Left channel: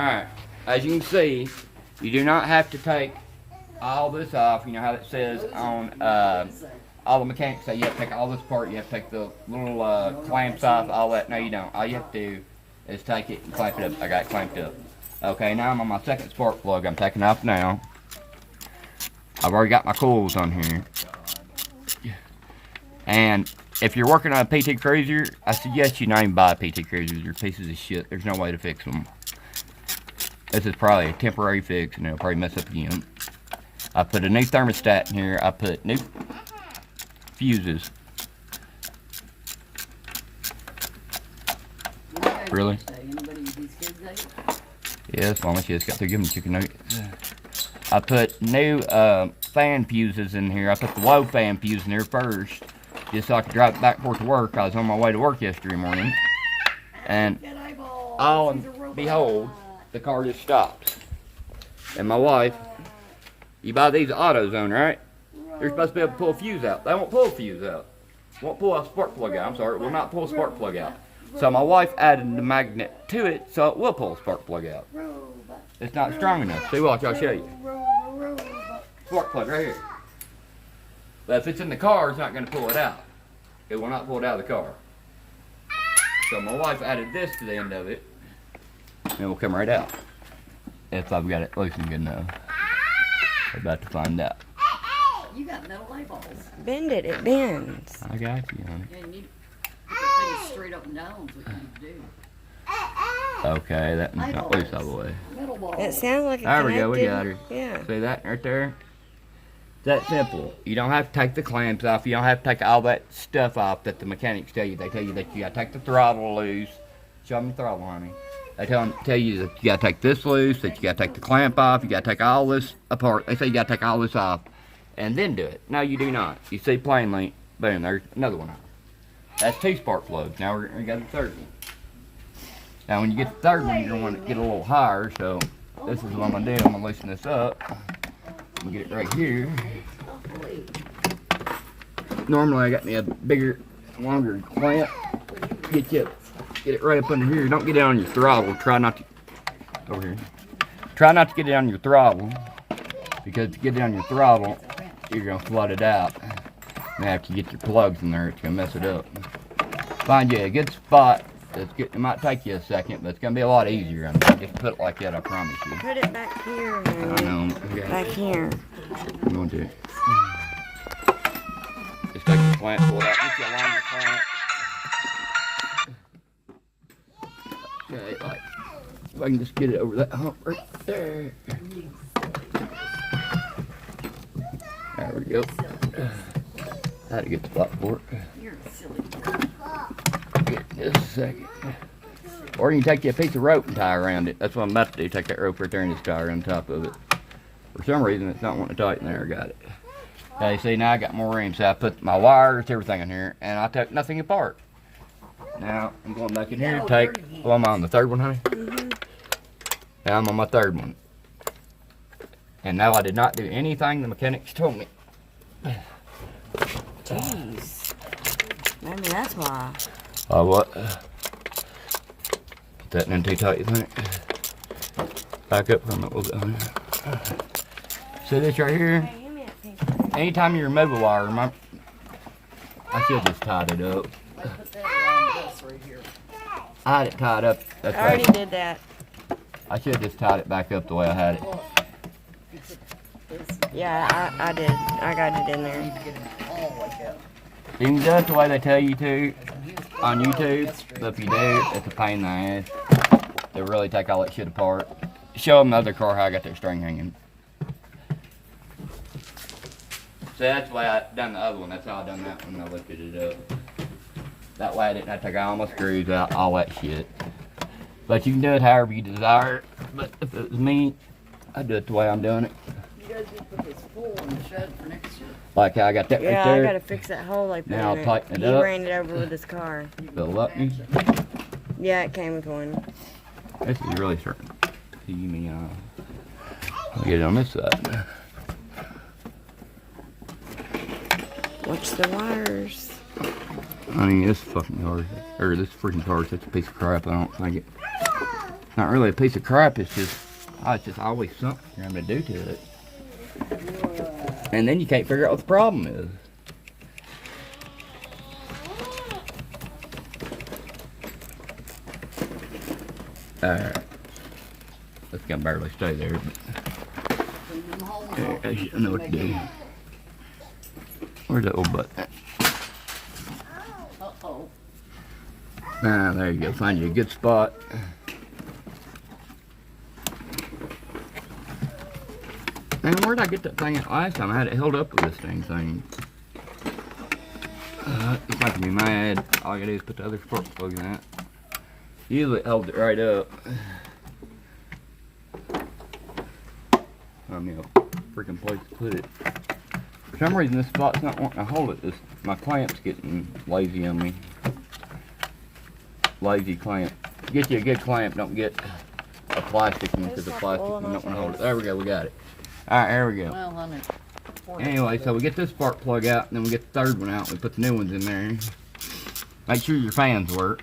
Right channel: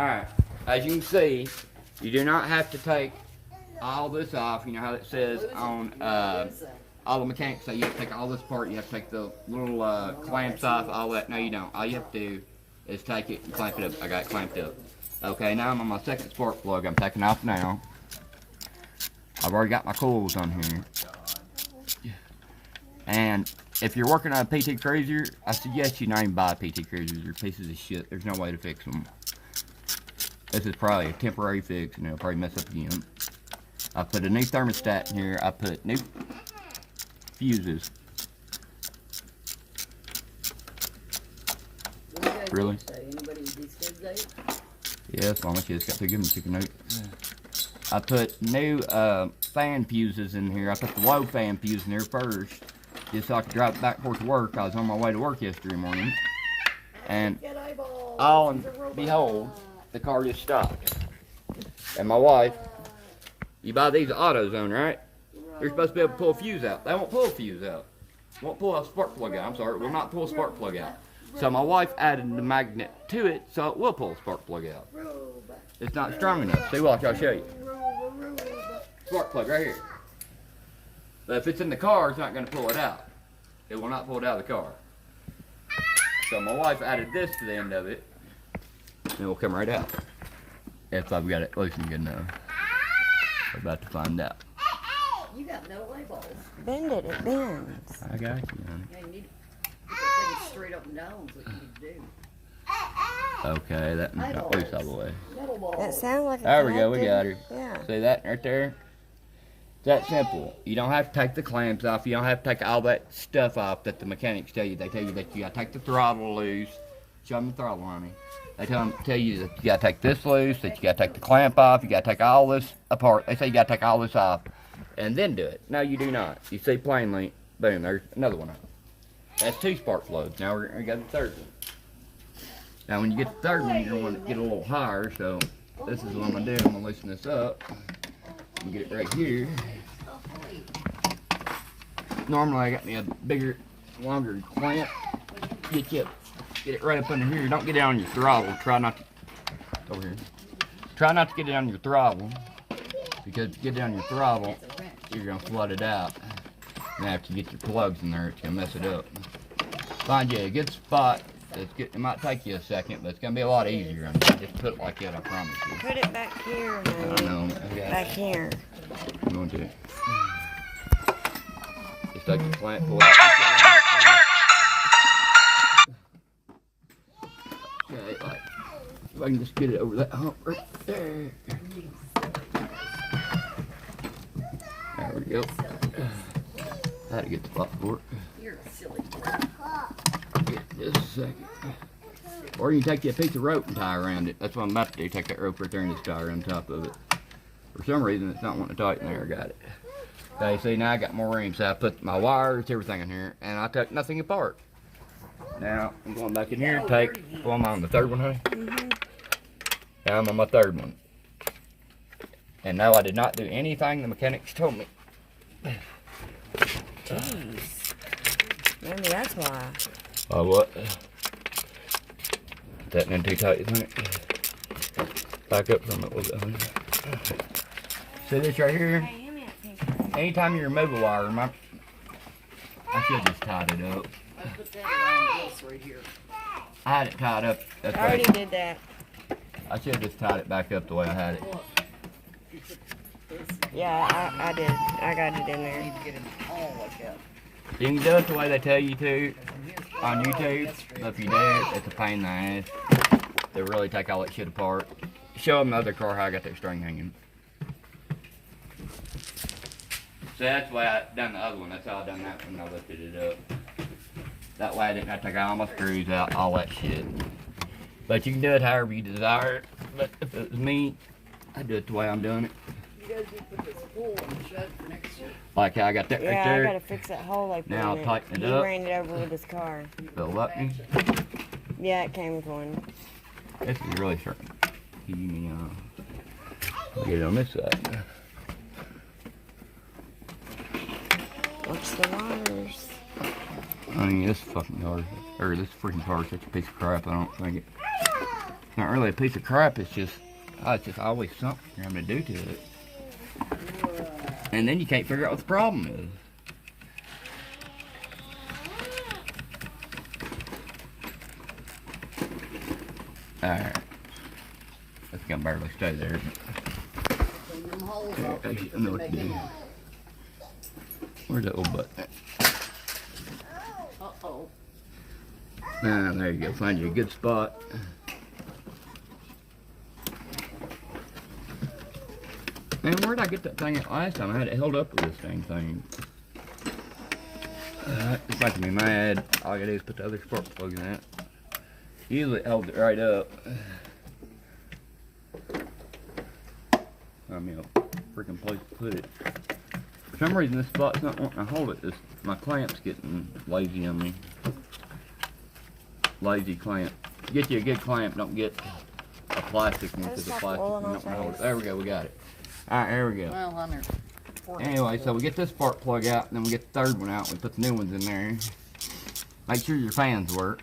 Alright, as you can see, you do not have to take all this off. You know how it says on all the mechanics say you have to take all this apart, you have to take the little clamps off, all that. No, you don't. All you have to do is take it and clamp it up. I got it clamped up. Okay, now I'm on my second spark plug. I'm taking off now. I've already got my coils on here. And if you're working on a PTCRUiSeR, I suggest you not even buy a PTCRUiSeR. They're pieces of shit. There's no way to fix them. This is probably a temporary fix, and it'll probably mess up again. I put a new thermostat in here. I put new fuses. Really? Yeah, as long as you just got to give them chicken nuggets. I put new fan fuses in here. I put the low fan fuse in there first, just so I could drive it back and forth to work. I was on my way to work yesterday morning, and all and behold, the car just stopped. And my wife, you buy these at AutoZone, right? They're supposed to be able to pull a fuse out. They won't pull a fuse out. Won't pull a spark plug out. I'm sorry, it will not pull a spark plug out. So my wife added the magnet to it, so it will pull a spark plug out. It's not strong enough. See, watch, I'll show you. Spark plug right here. But if it's in the car, it's not going to pull it out. It will not pull it out of the car. So my wife added this to the end of it, and it will come right out. If I've got it loosened good enough. We're about to find out. You got metal labels. Bend it, it bends. I got you, honey. And you put things straight up and down is what you do. Okay, that one's not loose all the way. Metal balls. It sounds like There we go, we got her. Yeah. See that right there? It's that simple. You don't have to take the clamps off. You don't have to take all that stuff off that the mechanics tell you. They tell you that you gotta take the throttle loose. Show them the throttle, honey. They tell you that you gotta take this loose, that you gotta take the clamp off, you gotta take all this apart. They say you gotta take all this off and then do it. No, you do not. You see plainly, boom, there's another one. That's 2 spark plugs. Now we got the third one. Now when you get the third one, you're gonna want to get a little higher, so this is what I'm gonna do. I'm gonna loosen this up and get it right here. Normally I got me a bigger, longer clamp. Get it right up under here. Don't get it on your throttle. Try not to, over here. Try not to get it on your throttle, because if you get it on your throttle, you're gonna flood it out. And after you get your plugs in there, it's gonna mess it up. Find you a good spot. It might take you a second, but it's gonna be a lot easier. I mean, just put it like that, I promise you. Put it back here, honey. I know. Back here. I'm going to. Just take the clamp, pull it out. Just get around the clamp. Okay, like, if I can just get it over that hump right there. There we go. I had to get the spot for it. You're silly. Just a second. Or you can take you a piece of rope and tie around it. That's what I'm about to do. Take that rope right there and just tie around the top of it. For some reason, it's not wanting to tighten there. I got it. Okay, see, now I got more room. So I put my wires, everything in here, and I took nothing apart. Now, I'm going back in here to take, well, I'm on the third one, honey? Mm-hmm. Now I'm on my third one. And now I did not do anything the mechanics told me. Jeez. Maybe that's why. Oh, what? That in too tight, you think? Back up from it a little bit. See this right here? Hey, give me that picture. Anytime you remove a wire, I should have just tied it up. I put that around this right here. I had it tied up. That's I already right. did that. I should have just tied it back up the way I had it. Look, you put this. Yeah, I did. I got it in You there. need to get it all like that. You can do it the way they tell you to And here's on YouTube, yesterday. but if you do, it's a pain in the ass. They really take all that shit apart. Show them the other car how I got that string hanging. So that's the way I done the other one. That's how I done that one. I lifted it up. That way I didn't have to take all my screws out, all that shit. But you can do it however you desire it. But if it was me, I'd do it the way I'm doing it. You guys need to put this hole in the shed for next year. Like how I got that right Yeah, I there. gotta fix that hole I put Now in I'll it. tighten it He up. ran it over with his car. Fill up me. Yeah, it came with one. This is really starting to pee me off. I'll get it on this side. Watch the wires. Honey, this fucking car, or this freaking car is such a piece of crap, I don't think it. not really a piece of crap. It's just always something you're having to do to it. And then you can't figure out what the problem is. Alright. It's gonna barely stay there, but I know what to do. Where's that old button? Uh-oh. Ah, there you go. Find you a good spot. Man, where'd I get that thing at last time? I had it held up with this dang thing. It's making me mad. All I gotta do is put the other spark plug in that. Usually it holds it right up. Find me a freaking place to put it. For some reason this spot's not wanting to hold it. My clamp's getting lazy on me. Lazy clamp. Get you a good clamp, don't get a plastic one because the plastic one don't want to hold it. There we go, we got it. Alright, here we go. Well, honey. Anyway, so we get this spark plug out, and then we get the third one out, and we put the new ones in there. Make sure your fans work.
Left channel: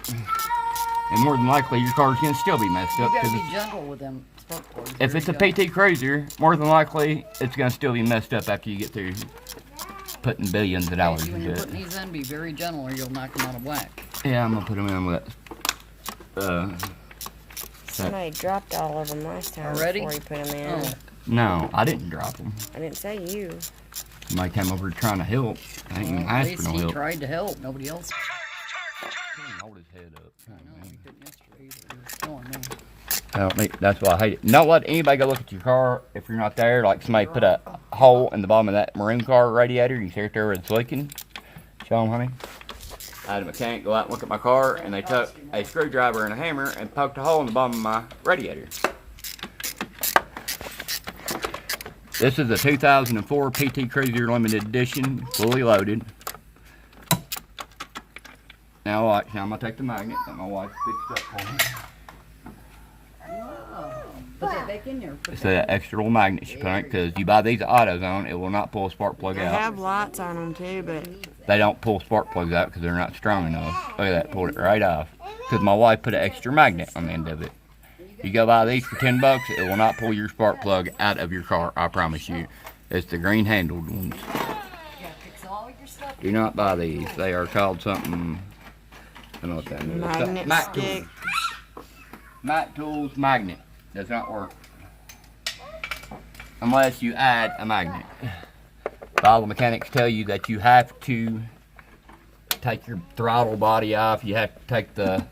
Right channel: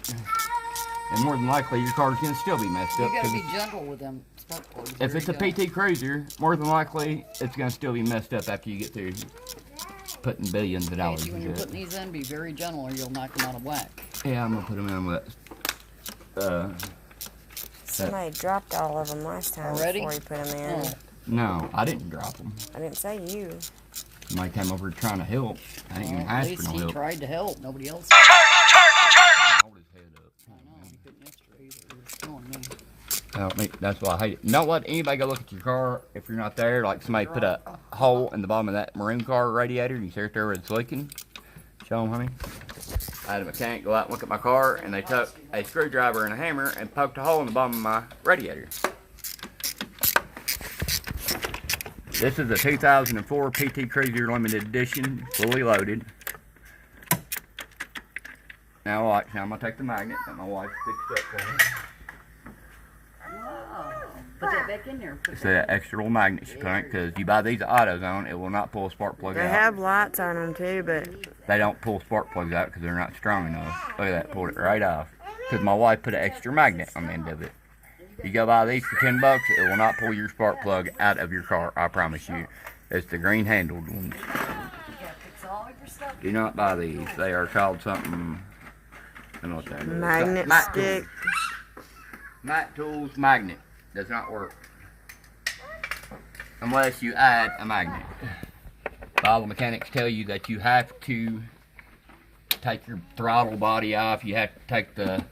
And more than likely, your car's going to still be messed up. You gotta be gentle with them spark plugs. If it's a PTCRUiSeR, more than likely, it's going to still be messed up after you get through putting billions of dollars When into you're it. putting these in, be very gentle or you'll knock them out of whack. Yeah, I'm going to put them in with that. Somebody dropped all of them last time Already? before you put them in. Oh. No, I didn't drop them. I didn't say you. Somebody came over trying to help. I ain't even At asked least for no he help. tried to help. Nobody else. Hold his head up. I know, he couldn't yesterday either. He was killing me. I don't think that's why I hate it. Don't let anybody go look at your car if you're not there. Like somebody put a hole in the bottom of that maroon car radiator. You can see it there where it's leaking. Show them, honey. I had a mechanic go out and look at my car, and they took a screwdriver and a hammer and poked a hole in the bottom of my radiator. This is a 2004 PTCRUiSeR Limited Edition, fully loaded. Now watch, now I'm going to take the magnet that my wife fixed up for me. Oh, put that back in there. It's that extra little magnet she put on it, because you buy these at AutoZone, it will not pull a spark plug They out. have lights on them too, but They don't pull spark plugs out because they're not strong enough. Look at that, pulled it right off. Because my wife put an extra magnet on the end of it. You go buy these for $10, it will not pull your spark plug out of your car, I promise you. It's the green handled ones. Do not buy these. They are called something, I don't know what that is. magnet Mac stick. Tools. Mac Tools magnet. Does not work. Unless you add a magnet. All the mechanics tell you that you have to take your throttle body off. You have to take the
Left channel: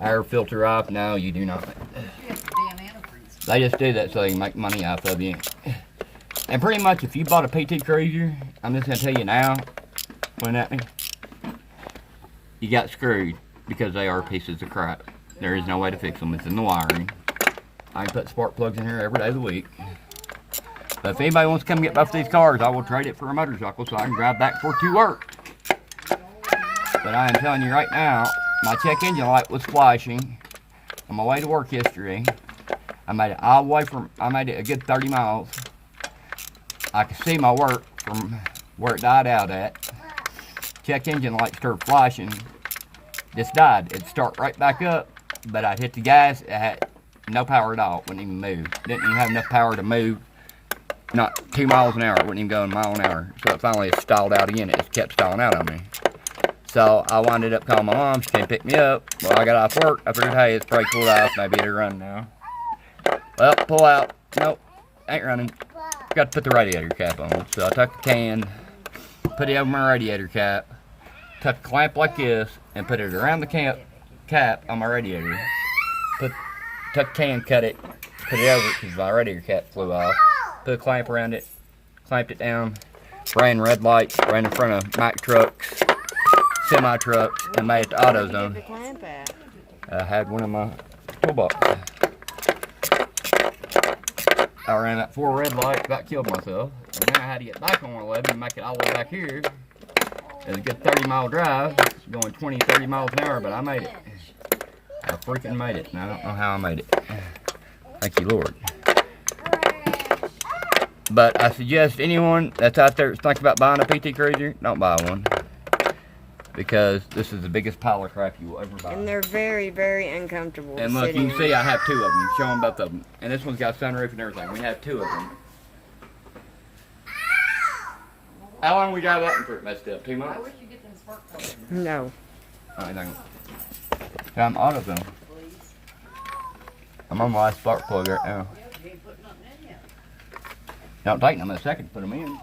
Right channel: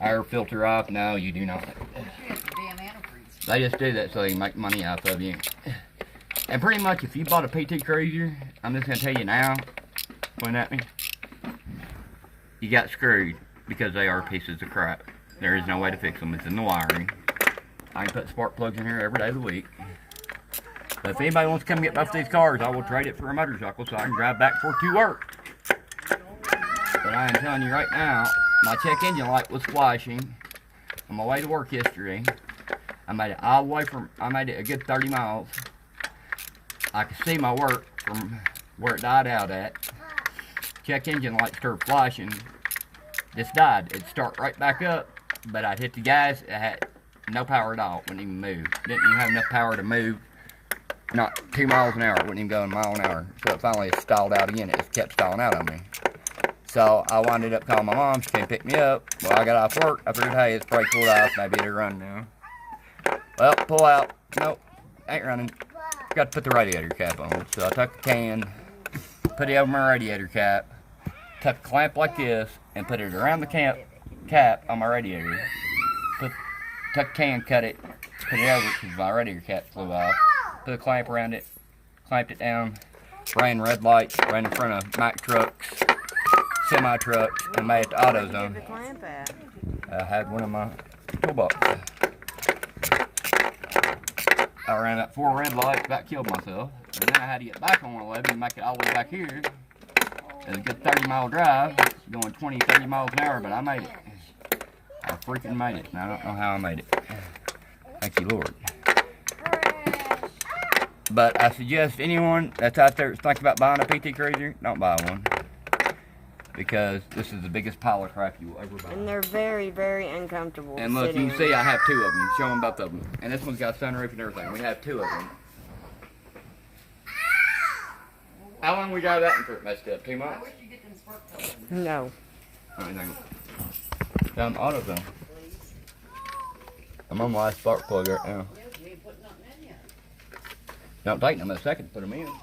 air filter off. No, you do not. They just do that so they can make money off of you. And pretty much if you bought a PTCRUiSeR, I'm just going to tell you now, point at me, you got screwed because they are pieces of crap. There is no way to fix them. It's in the wiring. I can put spark plugs in here every day of the week. But if anybody wants to come get both these cars, I will trade it for a motorcycle so I can drive back and forth to work. But I am telling you right now, my check engine light was flashing on my way to work yesterday. I made it all the way I made it a good 30 miles. I could see my work from where it died out at. Check engine light started flashing. Just died. It'd start right back up, but I'd hit the gas. It had no power at all. Wouldn't even move. Didn't even have enough power to move. Not 2 miles an hour. It wouldn't even go a mile an hour. So it finally stalled out again. It just kept stalling out on me. So I winded up calling my mom. She came pick me up. Well, I got off work. I figured, hey, it's probably cooled off. Maybe it'll run now. Well, pull out. Nope. Ain't running. Got to put the radiator cap on. So I took the can, put it over my radiator cap, took a clamp like this, and put it around the cap on my radiator. Took the can, cut it, put it over it because my radiator cap flew off. Put a clamp around it, clamped it down, ran red lights, ran in front of Mack trucks, semi trucks, and made it to Where did you AutoZone. get the clamp at? I had one in my toolbox. I ran up 4 red lights, about killed myself. And then I had to get back on 111 and make it all the way back here. It was a good 30-mile drive, going 20, 30 miles an hour, but I made it. I freaking made it, and I don't know how I made it. Thank you, Lord. But I suggest anyone that's out there that's thinking about buying a PTCRUiSeR, don't buy one. because this is the biggest pile of crap you will ever buy. And they're very, very uncomfortable. And to look, sit you in. can see I have 2 of them. Show them both of them. And this one's got sunroof and everything. We have 2 of them. How long we drive that one for it messed up? 2 months? I wish you get them spark plugs. No. I think. I'm out of them. Please. I'm on my last spark plug right now. Yeah, you ain't putting nothing in yet. Don't take them a second to put them in.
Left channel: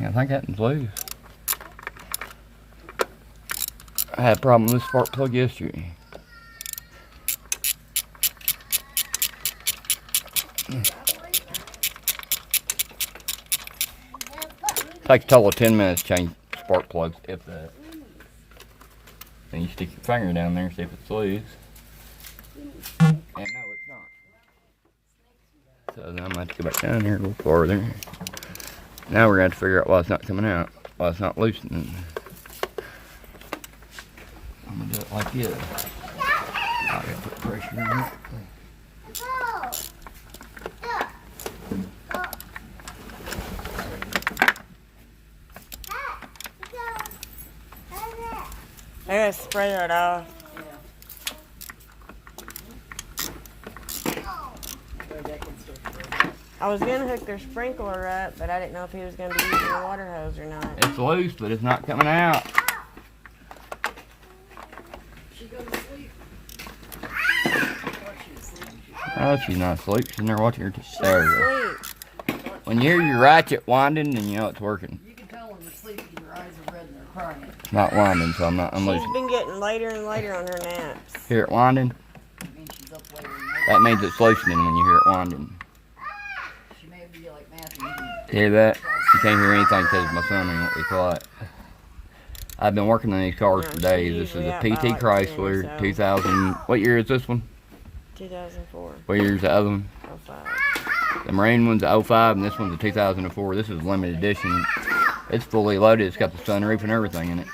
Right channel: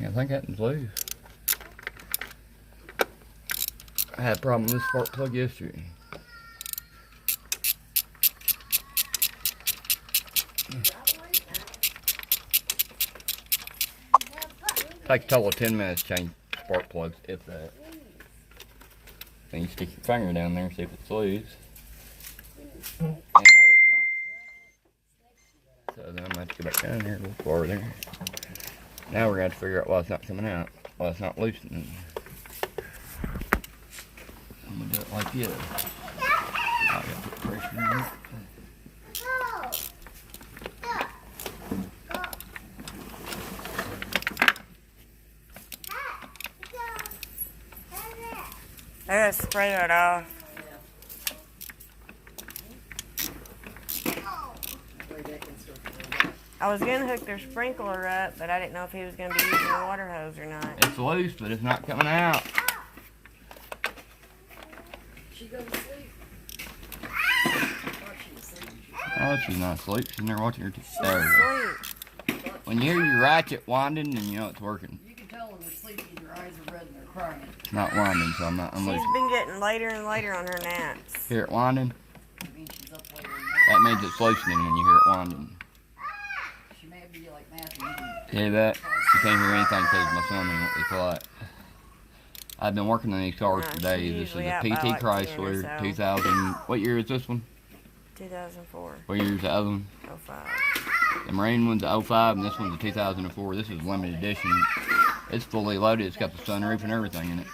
Yeah, I think that one's loose. I had a problem with this spark plug yesterday. Takes a total of 10 minutes to change spark plugs, if that. And you stick your finger down there and see if it's loose. And no, it's not. So then I'm going to have to go back down here a little farther. Now we're going to have to figure out why it's not coming out, why it's not loosening. I'm going to do it like this. I got to put pressure in it. I gotta spray that off. I was gonna hook their sprinkler up, but I didn't know if he was gonna be using a water hose or not. It's loose, but it's not coming out. She goes to sleep. Oh, she's not asleep. She's in there watching her. There you go. Sleep. When you hear your ratchet winding, then you know it's working. You can tell when they're sleeping, your eyes are red and they're crying. It's not winding, so I'm She's losing. been getting later and later on her naps. Hear it winding? I mean, she's up later. That means it's loosening when you hear it winding. She may be like Matthew. Hear that? You can't hear anything because my son ain't what they call it. I've been working on these cars No, for days. she's This is usually a out by PT like 10 or Chrysler so. 2000. What year is this one? 2004. What year is the other one? 05. The Marine one's a 05 and this one's a 2004. This is limited edition. It's fully loaded. It's got the sunroof and everything in it.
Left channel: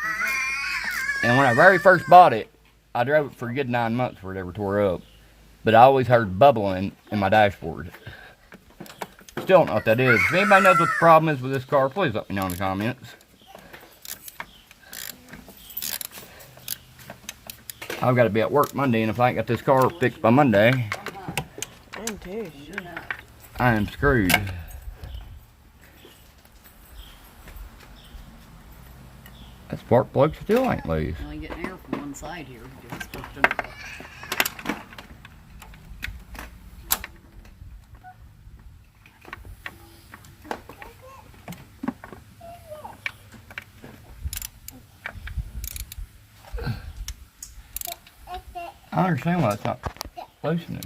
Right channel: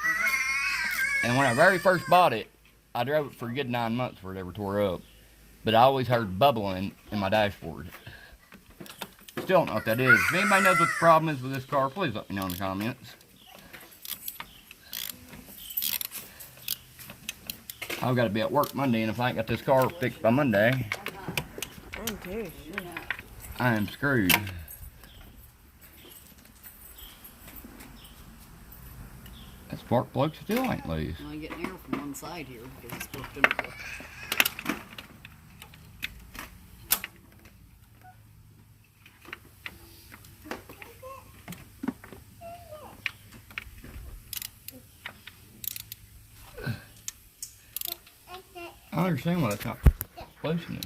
And when I very first bought it, I drove it for a good 9 months before it ever tore up. But I always heard bubbling in my dashboard. Still don't know what that is. If anybody knows what the problem is with this car, please let me know in the comments. I've got to be at work Monday, and if I ain't got this car fixed by Monday, I'm too. I am screwed. That spark plug still ain't loose. Well, you get air from one side here because it's hooked into the I understand why it's not loosening.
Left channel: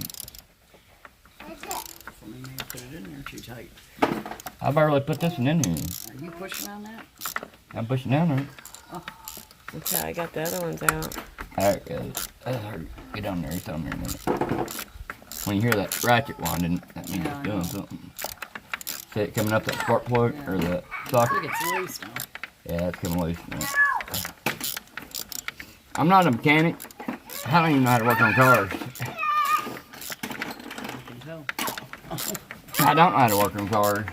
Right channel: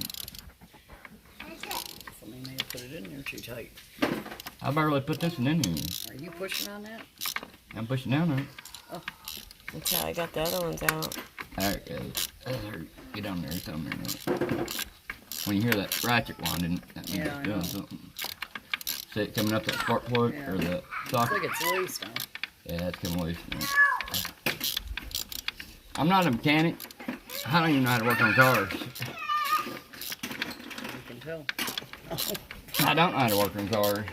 Somebody may have put it in there too tight. I barely put this one in here. Are you pushing on that? I'm pushing down there. That's how I got the other ones out. Alright, guys. Get on there. It's on there a minute. When you hear that ratchet winding, that means Yeah, I it's doing know. something. See it coming up that spark plug Yeah. or the I socket? think it's loose now. Yeah, it's coming loose now. I'm not a mechanic. I don't even know how to work on cars. You can tell. I don't know how to work on cars.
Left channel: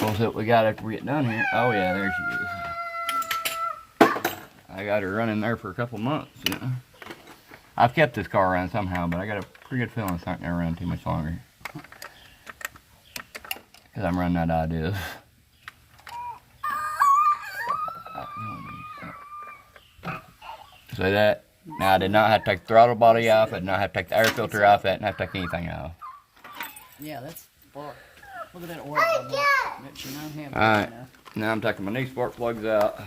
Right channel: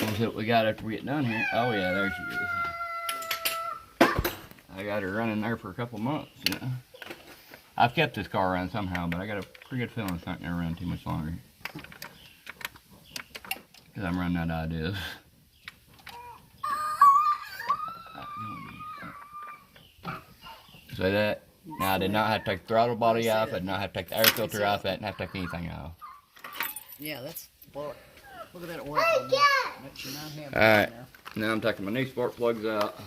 We'll see what we got after we get done here. Oh yeah, there she is. I got her running there for a couple months. You know? I've kept this car running somehow, but I got a pretty good feeling it's not going to run too much longer. Because I'm running out of ideas. See that? Now I did not have to take the throttle body off. I did not have to take the air filter off. I didn't have to take anything off. Yeah, that's look at that oil on that. That should not have All right. in there. Now I'm taking my new spark plugs out.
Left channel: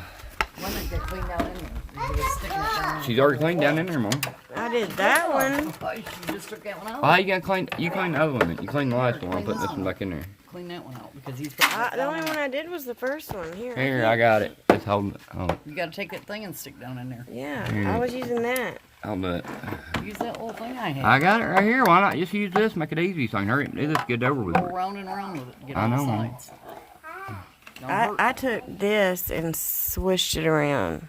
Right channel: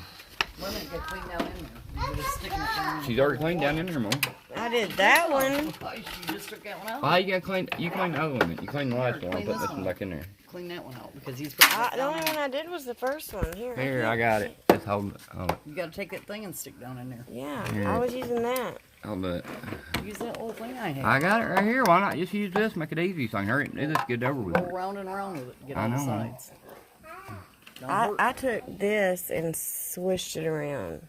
When they get cleaned out in there, you're just sticking it down. in She's the already cleaned wall. down in there more. I did that one. Oh, you just took that one out. Oh, you gotta clean. You cleaned the other one. You cleaned the last one. I'm Clean putting this this one one back in there. Clean that one out because he's putting that The down only in one there. I did was the first one. Here. Here, can't- I got it. Just hold it. Hold it. You got to take that thing and stick down in there. Yeah, Here. I was using that. I'll do it. Use that little thing I had. I got it right here. Why not just use this? Make it easy so I can hurry and do this. Get it over with. Go around and around with it. Get I on the know. sides. Don't hurt. I took this and swished it around.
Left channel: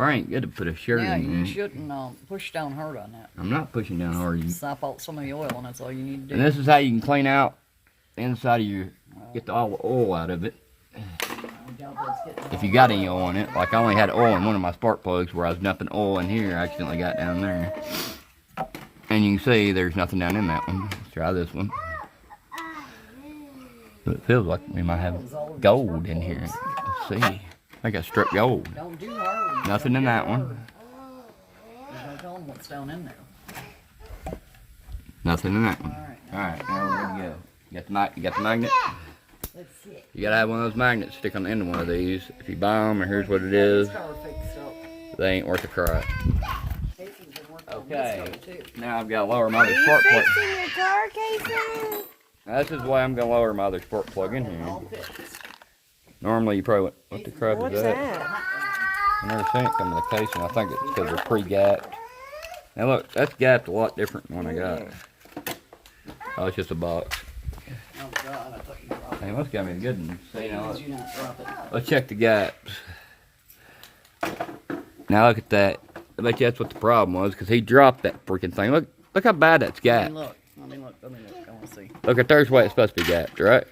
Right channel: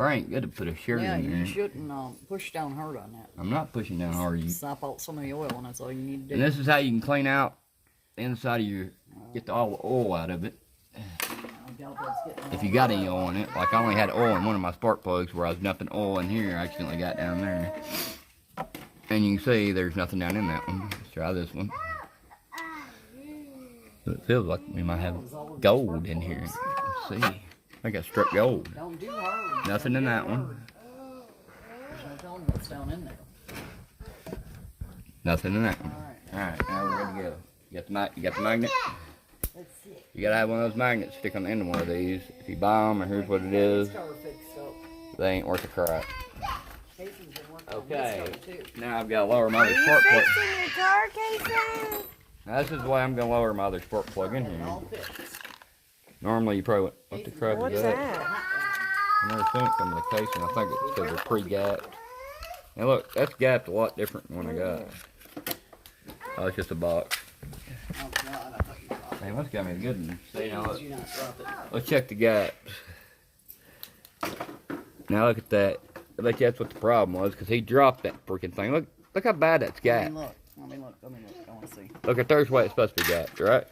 Frank, good to put a shirt Yeah, in you there. shouldn't push down hard on that. I'm not pushing down hard. Sop out some of the oil, and that's all you need to And do. this is how you can clean out inside of your, get all the oil out of it. If you got any oil in it, like I only had oil in one of my spark plugs where I was dumping oil in here, I accidentally got down there. And you can see there's nothing down in that one. Let's try this one. But it feels like we might have gold in here. Let's see. I got struck gold. Don't do hard. Nothing in that one. There's no telling what's down in there. Nothing in that one. All right. Alright, now we're ready to go. You got the magnet? Let's see. You gotta have one of those magnets stick on the end of one of these. If you buy them, or here's what it is, Car fixed up. they ain't worth a crap. Casey's been working on Okay, this car, too. now I've got to lower my other Are spark you plug. fixing your car, Casey? Now, this is why I'm gonna lower my other spark plug in here. All fixed. Normally you probably, what the crap What's is that? that? I never seen it come with a casing. I think it's because they're pre-gapped. Now look, that's gapped a lot different than what I got. Oh, it's just a box. Oh, God, I thought you dropped it. Hey, must got me a good one. See, now Did you not drop it? let's check the gaps. Now look at that. I bet you that's what the problem was, because he dropped that freaking thing. Look how bad that's Let gapped. me look. Let me look. Let me look. I want to see. Look at there's where it's supposed to be gapped, right?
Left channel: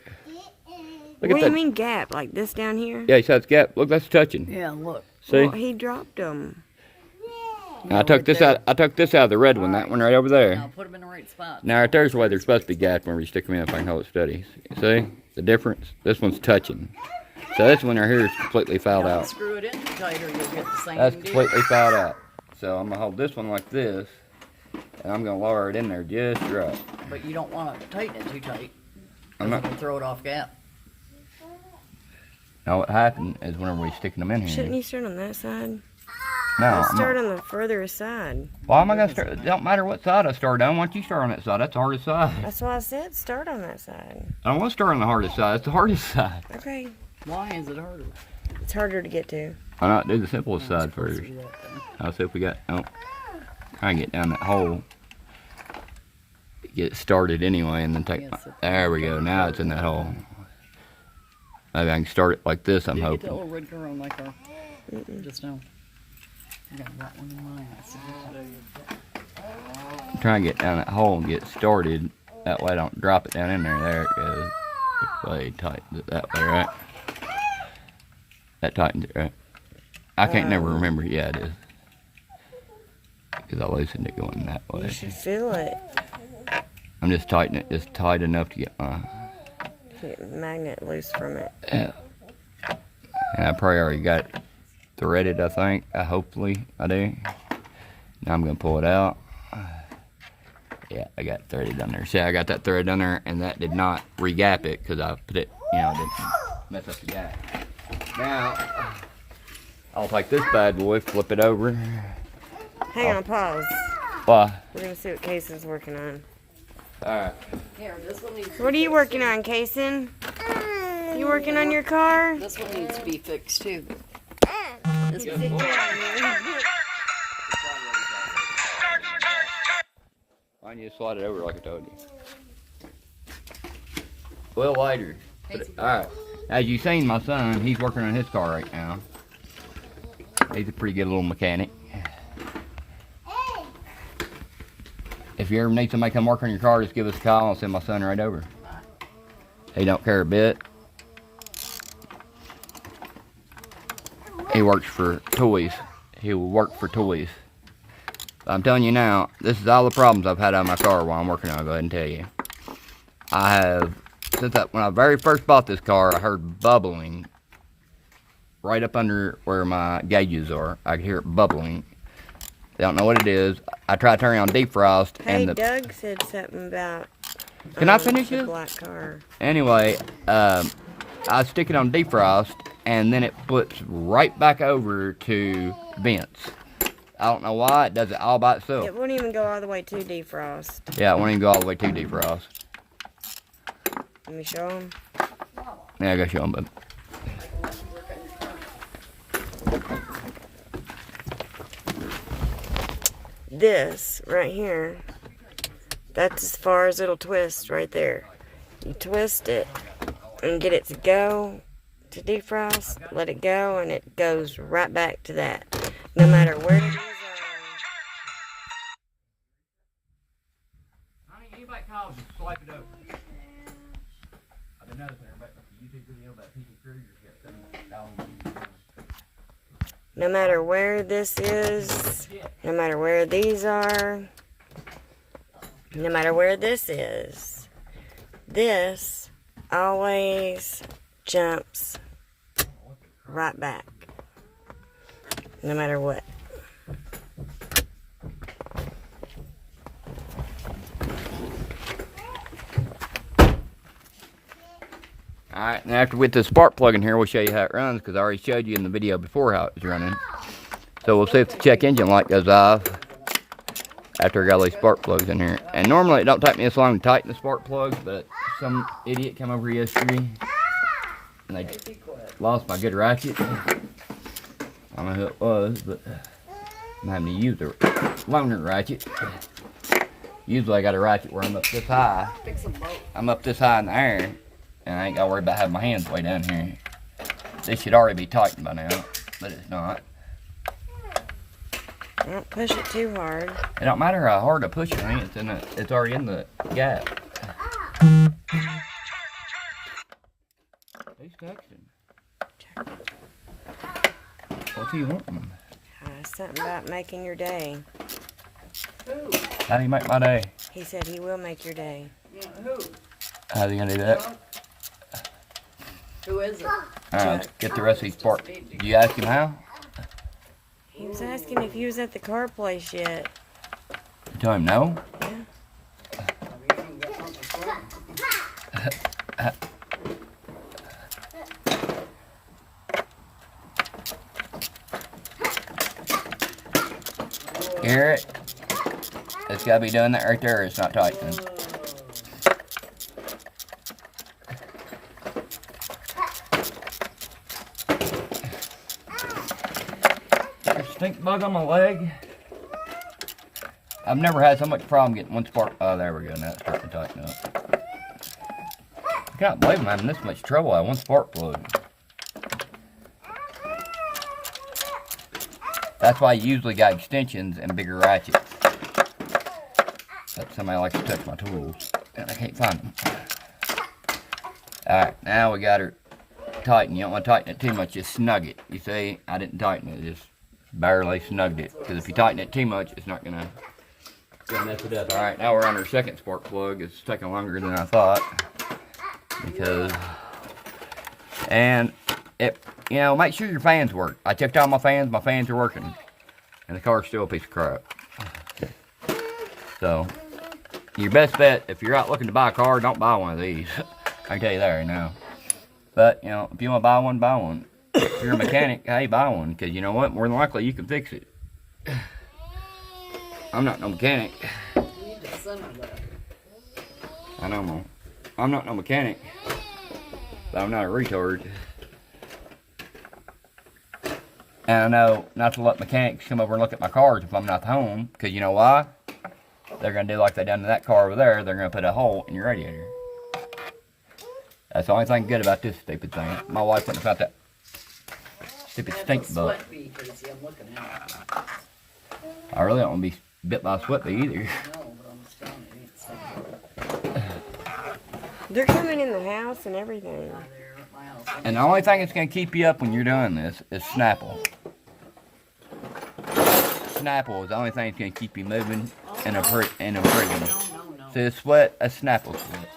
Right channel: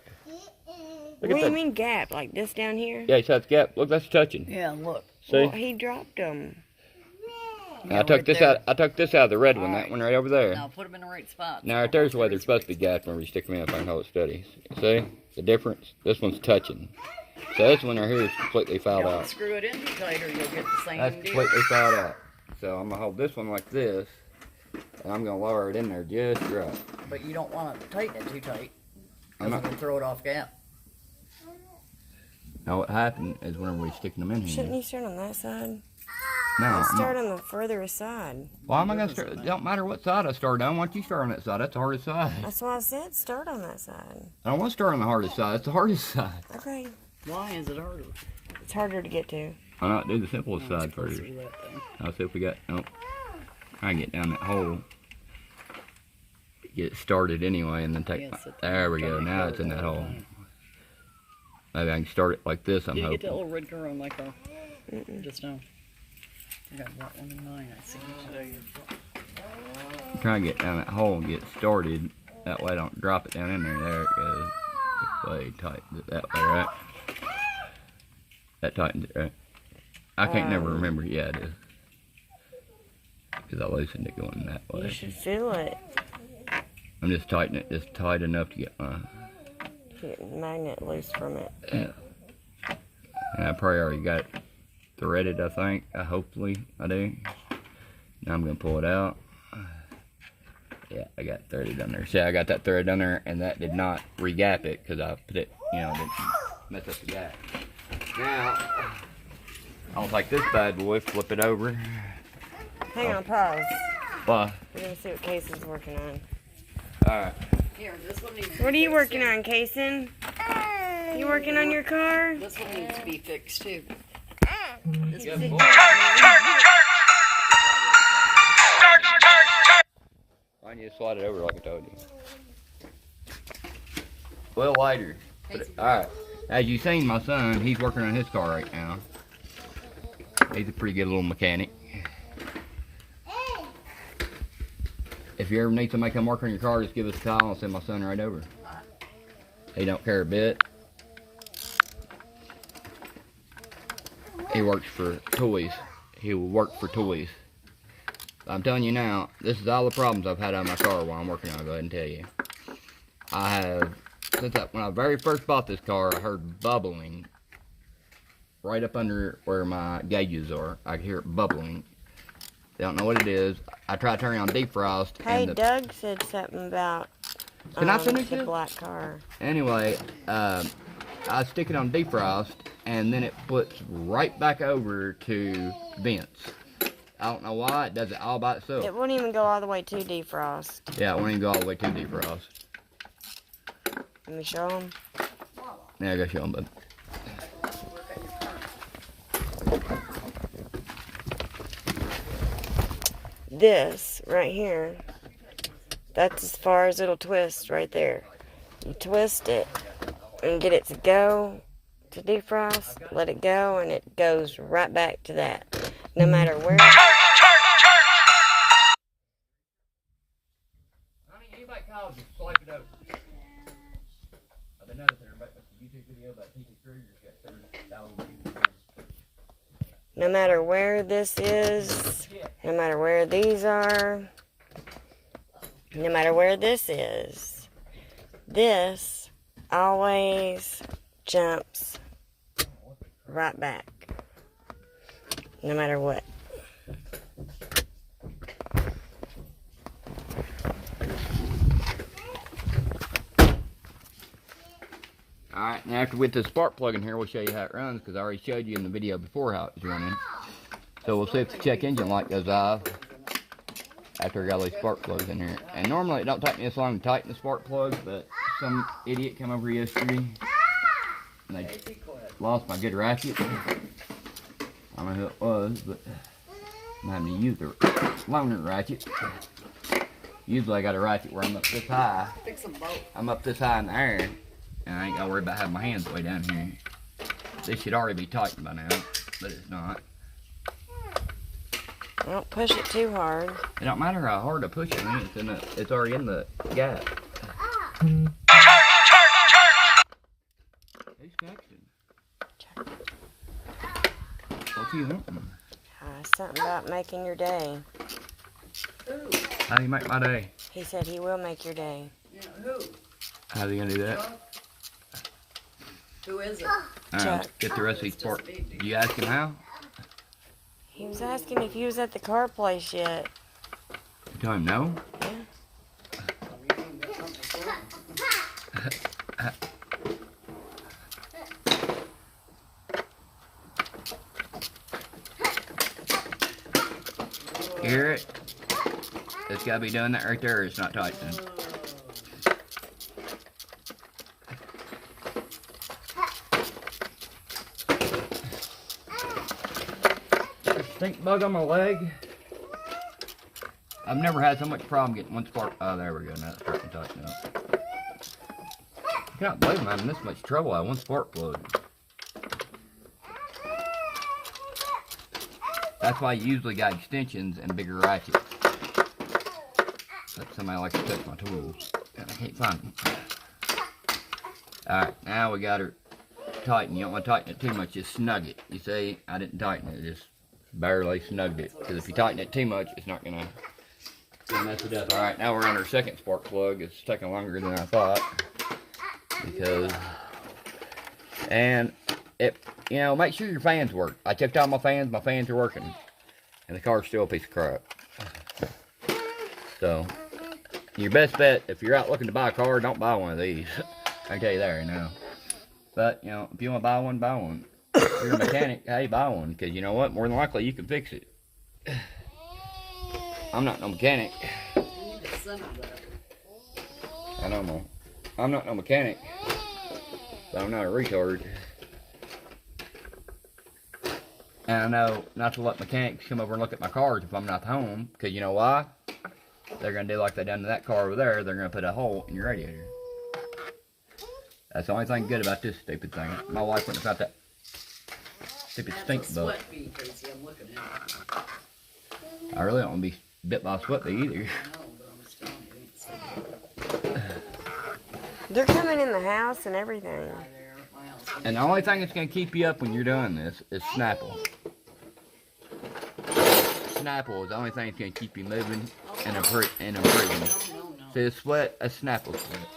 Look What at do you that. mean gap? Like this down here? Yeah, so it's gapped. Look, that's touching. Yeah, look. See? Well, he dropped them. Now, I took this out. I took this out of the red one. That one right over there. Now put them in the right spot. Now right there's the way they're supposed to be gapped when we stick them in. If I can hold it steady. See the difference? This one's touching. So this one right here is completely fouled Don't out. screw it in too tight or you'll get the same That's deal. completely fouled out. So I'm gonna hold this one like this, and I'm gonna lower it in there just right. But you don't want to tighten it too tight. I'm Because not- it'll throw it off gap. Now what happened is whenever we sticking them in here. Shouldn't you start on that side? No, I'll I'm start not, on the further side. why am I gonna start? It don't matter what side I start on. Why don't you start on that side? That's the hardest side. That's why I said start on that side. I don't want to start on the hardest side. It's the hardest side. Okay. Why is it harder? It's harder to get to. Why not do the simplest Oh, side it's closer first? to that thing. I'll see if we got. Oh, try and get down that hole. Get it started anyway, and then take. Yes, it- There we go. Now it's in that hole. Maybe I can start it like this. I'm Did you get that hoping. little red girl in my car? Just now. I got that one in mine. I see it. Try and get down that hole and get started. That way I don't drop it down in there. There it goes. It's really tight that way, right? That tightens it, right? I can't never remember. Yeah, it is. Because I loosened it going that You way. should feel it. I'm just tightening it just tight enough to get my. Get the magnet loose from it. Yeah. And I probably already got it threaded, I think. Hopefully I do. Now I'm going to pull it out. Yeah, I got it threaded on there. See, I got that thread on there, and that did not re-gap it because I put it, didn't mess up the gap. Now, I'll take this bad boy, flip it over. Hang on, pause. Why? We're gonna see what Casey's working on. Alright. Here, this one needs to What are be you fixed, working too. on, Casey? You working on your car? This one needs to be fixed too. This Yeah, one- boy. Why don't you slide it over like I told you? Well, later. Alright. As you've seen, my son, he's working on his car right now. He's a pretty good little mechanic. If you ever need somebody to come work on your car, just give us a call and send my son right over. He don't care a bit. He works for toys. He will work for toys. I'm telling you now, this is all the problems I've had on my car while I'm working on it. I'll go ahead and tell you. I have, when I very first bought this car, I heard bubbling right up under where my gauges are. I could hear it bubbling. Don't know what it is. I tried turning on defrost. Hey, and Doug said something about Can I finish the it? black car. Anyway, I stick it on defrost, and then it flips right back over to vents. I don't know why. It does it all by itself. It wouldn't even go all the way to defrost. Yeah, it won't even go all the way to defrost. Let me show him. Yeah, I gotta show them, bud. This right here, that's as far as it'll twist right there. You twist it and get it to go to defrost, let it go, and it goes right back to that. No matter where. Honey, anybody calls, just swipe it over. I've been noticing everybody makes a YouTube video about PTCRUiSeR got 7,000 views. No matter where this is, no matter where these are, no matter where this is, this always jumps right back. No matter what. Alright, now after with the spark plug in here, we'll show you how it runs, because I already showed you in the video before how it was running. So we'll see if the check engine light goes off after I got all these spark plugs in here. And normally it don't take me this long to tighten the spark plugs, but some idiot came over yesterday and they lost my good ratchet. I don't know who it was, but I'm having to use the longer ratchet. Usually I got a ratchet where I'm up this high. I'm up this high in the air, and I ain't gotta worry about having my hands way down here. This should already be tightened by now, but it's not. Don't push it too hard. It don't matter how hard I push it, it's already in the gap. Who's texting? What's he wanting? Something about making your day. How do you make my day? He said he will make your day. Yeah, who? How's he gonna do that? Who is it? Let's get the rest of these parts. Did you ask him how? He was asking if you was at the car place yet. You tell him no? Yeah. Hear it? It's gotta be doing that right there. It's not tightening. There's a stink bug on my leg. I've never had so much problem getting one spark. Oh, there we go. Now it's starting to tighten up. I can't believe I'm having this much trouble. I have one spark plug. That's why I usually got extensions and bigger ratchets. But somebody likes to touch my tools, and I can't find them. Alright, now we got her tightened. You don't want to tighten it too much, just snug it. You see, I didn't tighten it, just barely snugged it. Because if you tighten it too much, it's not gonna mess it up. Alright, now we're on our second spark plug. It's taking longer than I thought. Because, and it, you know, make sure your fans work. I checked all my fans are working. And the car's still a piece of crap. So, your best bet, if you're out looking to buy a car, don't buy one of these. I can tell you that right now. But, you know, if you want to buy one, buy one. If you're a mechanic, hey, buy one. Because you know what? More than likely, you can fix it. I'm not no mechanic. I know, I'm not no mechanic. But I'm not a retard. And I know not to let mechanics come over and look at my cars if I'm not home. Because you know why? They're going to do like they done to that car over there. They're going to put a hole in your radiator. That's the only thing good about this stupid thing. My wife wouldn't have found that stupid stink bug. I really don't want to be bit by a sweat bee either. They're coming in the house and everything. And the only thing that's going to keep you up when you're doing this is Snapple. Snapple is the only thing that's going to keep you moving and improving. So a sweat, a Snapple sweat.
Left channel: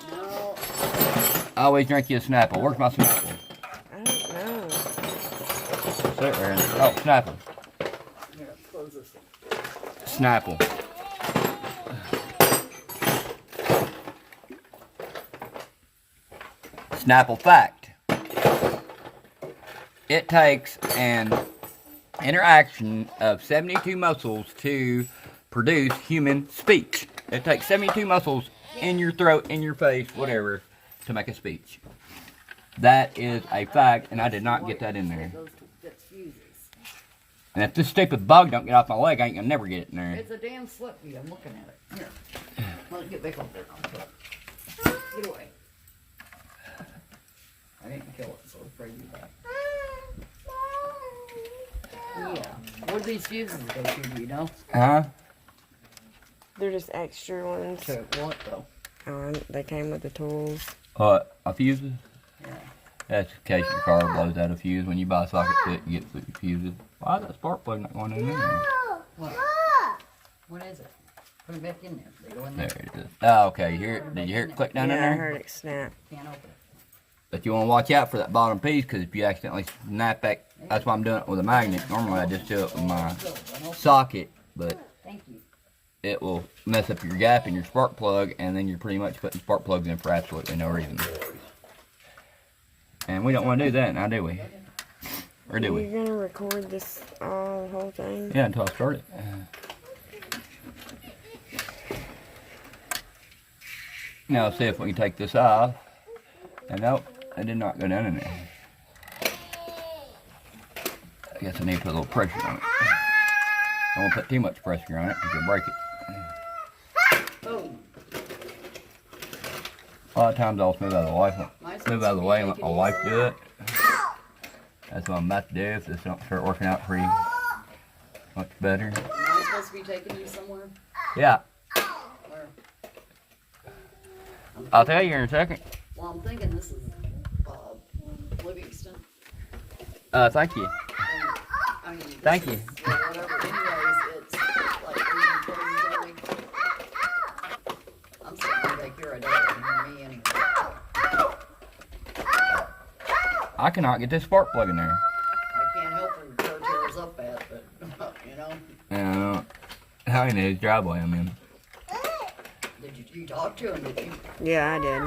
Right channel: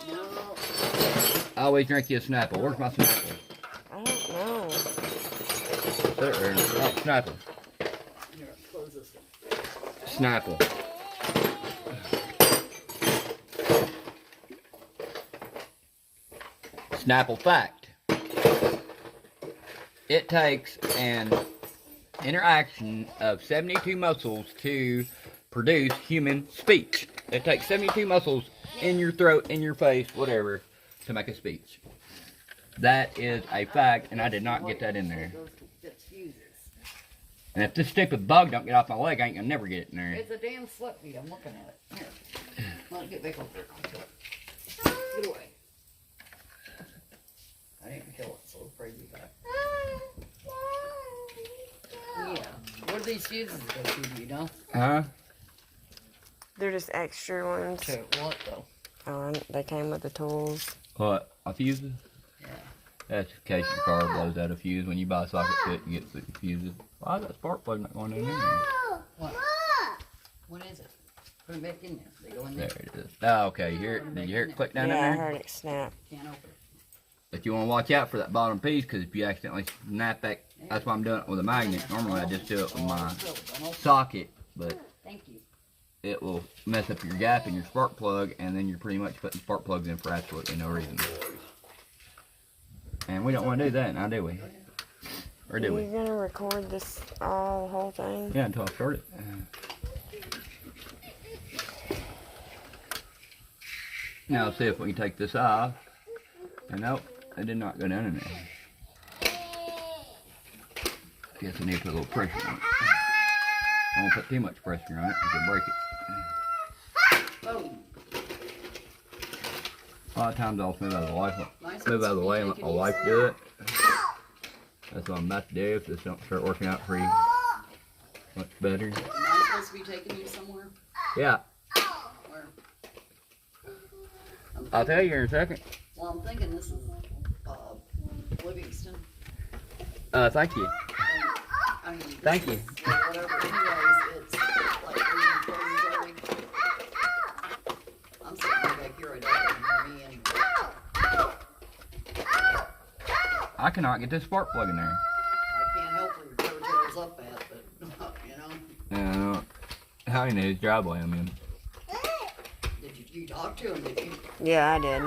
I always drink you a Snapple. Where's my Snapple? I don't know. Oh, Snapple. Snapple. Snapple fact. It takes an interaction of 72 muscles to produce human speech. It takes 72 muscles in your throat, in your face, whatever, to make a speech. That is a fact, and I did not get that in there. And if this stupid bug don't get off my leg, I ain't gonna never get it in there. It's a damn slip bee. I'm looking at it. Here. Let me get back over there. Get away. I didn't kill it, so it's crazy back. Yeah. Where'd these fuses go to, do you know? Huh? They're just extra ones. To what though? They came with the tools. What? A fuse? Yeah. That's in case your car blows out a fuse. When you buy a socket kit, you get the fuses. Why is that spark plug not going in there? What? What is it? Put it back in there. They go in There there. it is. Oh, okay. You hear it? Did you hear it click down in Yeah, I there? heard it snap. Can't open it. But you want to watch out for that bottom piece, because if you accidentally snap that, that's why I'm doing it with a magnet. Normally I just do it with my socket, but Thank you. it will mess up your gap in your spark plug, and then you're pretty much putting spark plugs in for absolutely no reason. And we don't want to do that now, do we? Or do we? You're gonna record this the whole thing? Yeah, until I start it. Now let's see if we can take this off. And nope, it did not go down in there. I guess I need to put a little pressure on it. I don't want to put too much pressure on it because you'll break it. Boom. A lot of times I'll move out of the way. Move out of the way and let my wife do it. That's what I'm about to do if this don't start working out pretty much better. Am I supposed to be taking you somewhere? Yeah, Where? I'll tell you in a second. Well, I'm thinking this is Livingston. Thank you. I mean, Thank you. whatever. Anyways, it's like Asian Clothes Early. I'm sitting right back here. I don't even hear me anymore. I cannot get this spark plug in there. I can't help where your car tears up at, but you know. I don't know whose driveway I'm in. Did you talk to him? Did you? Yeah, I did.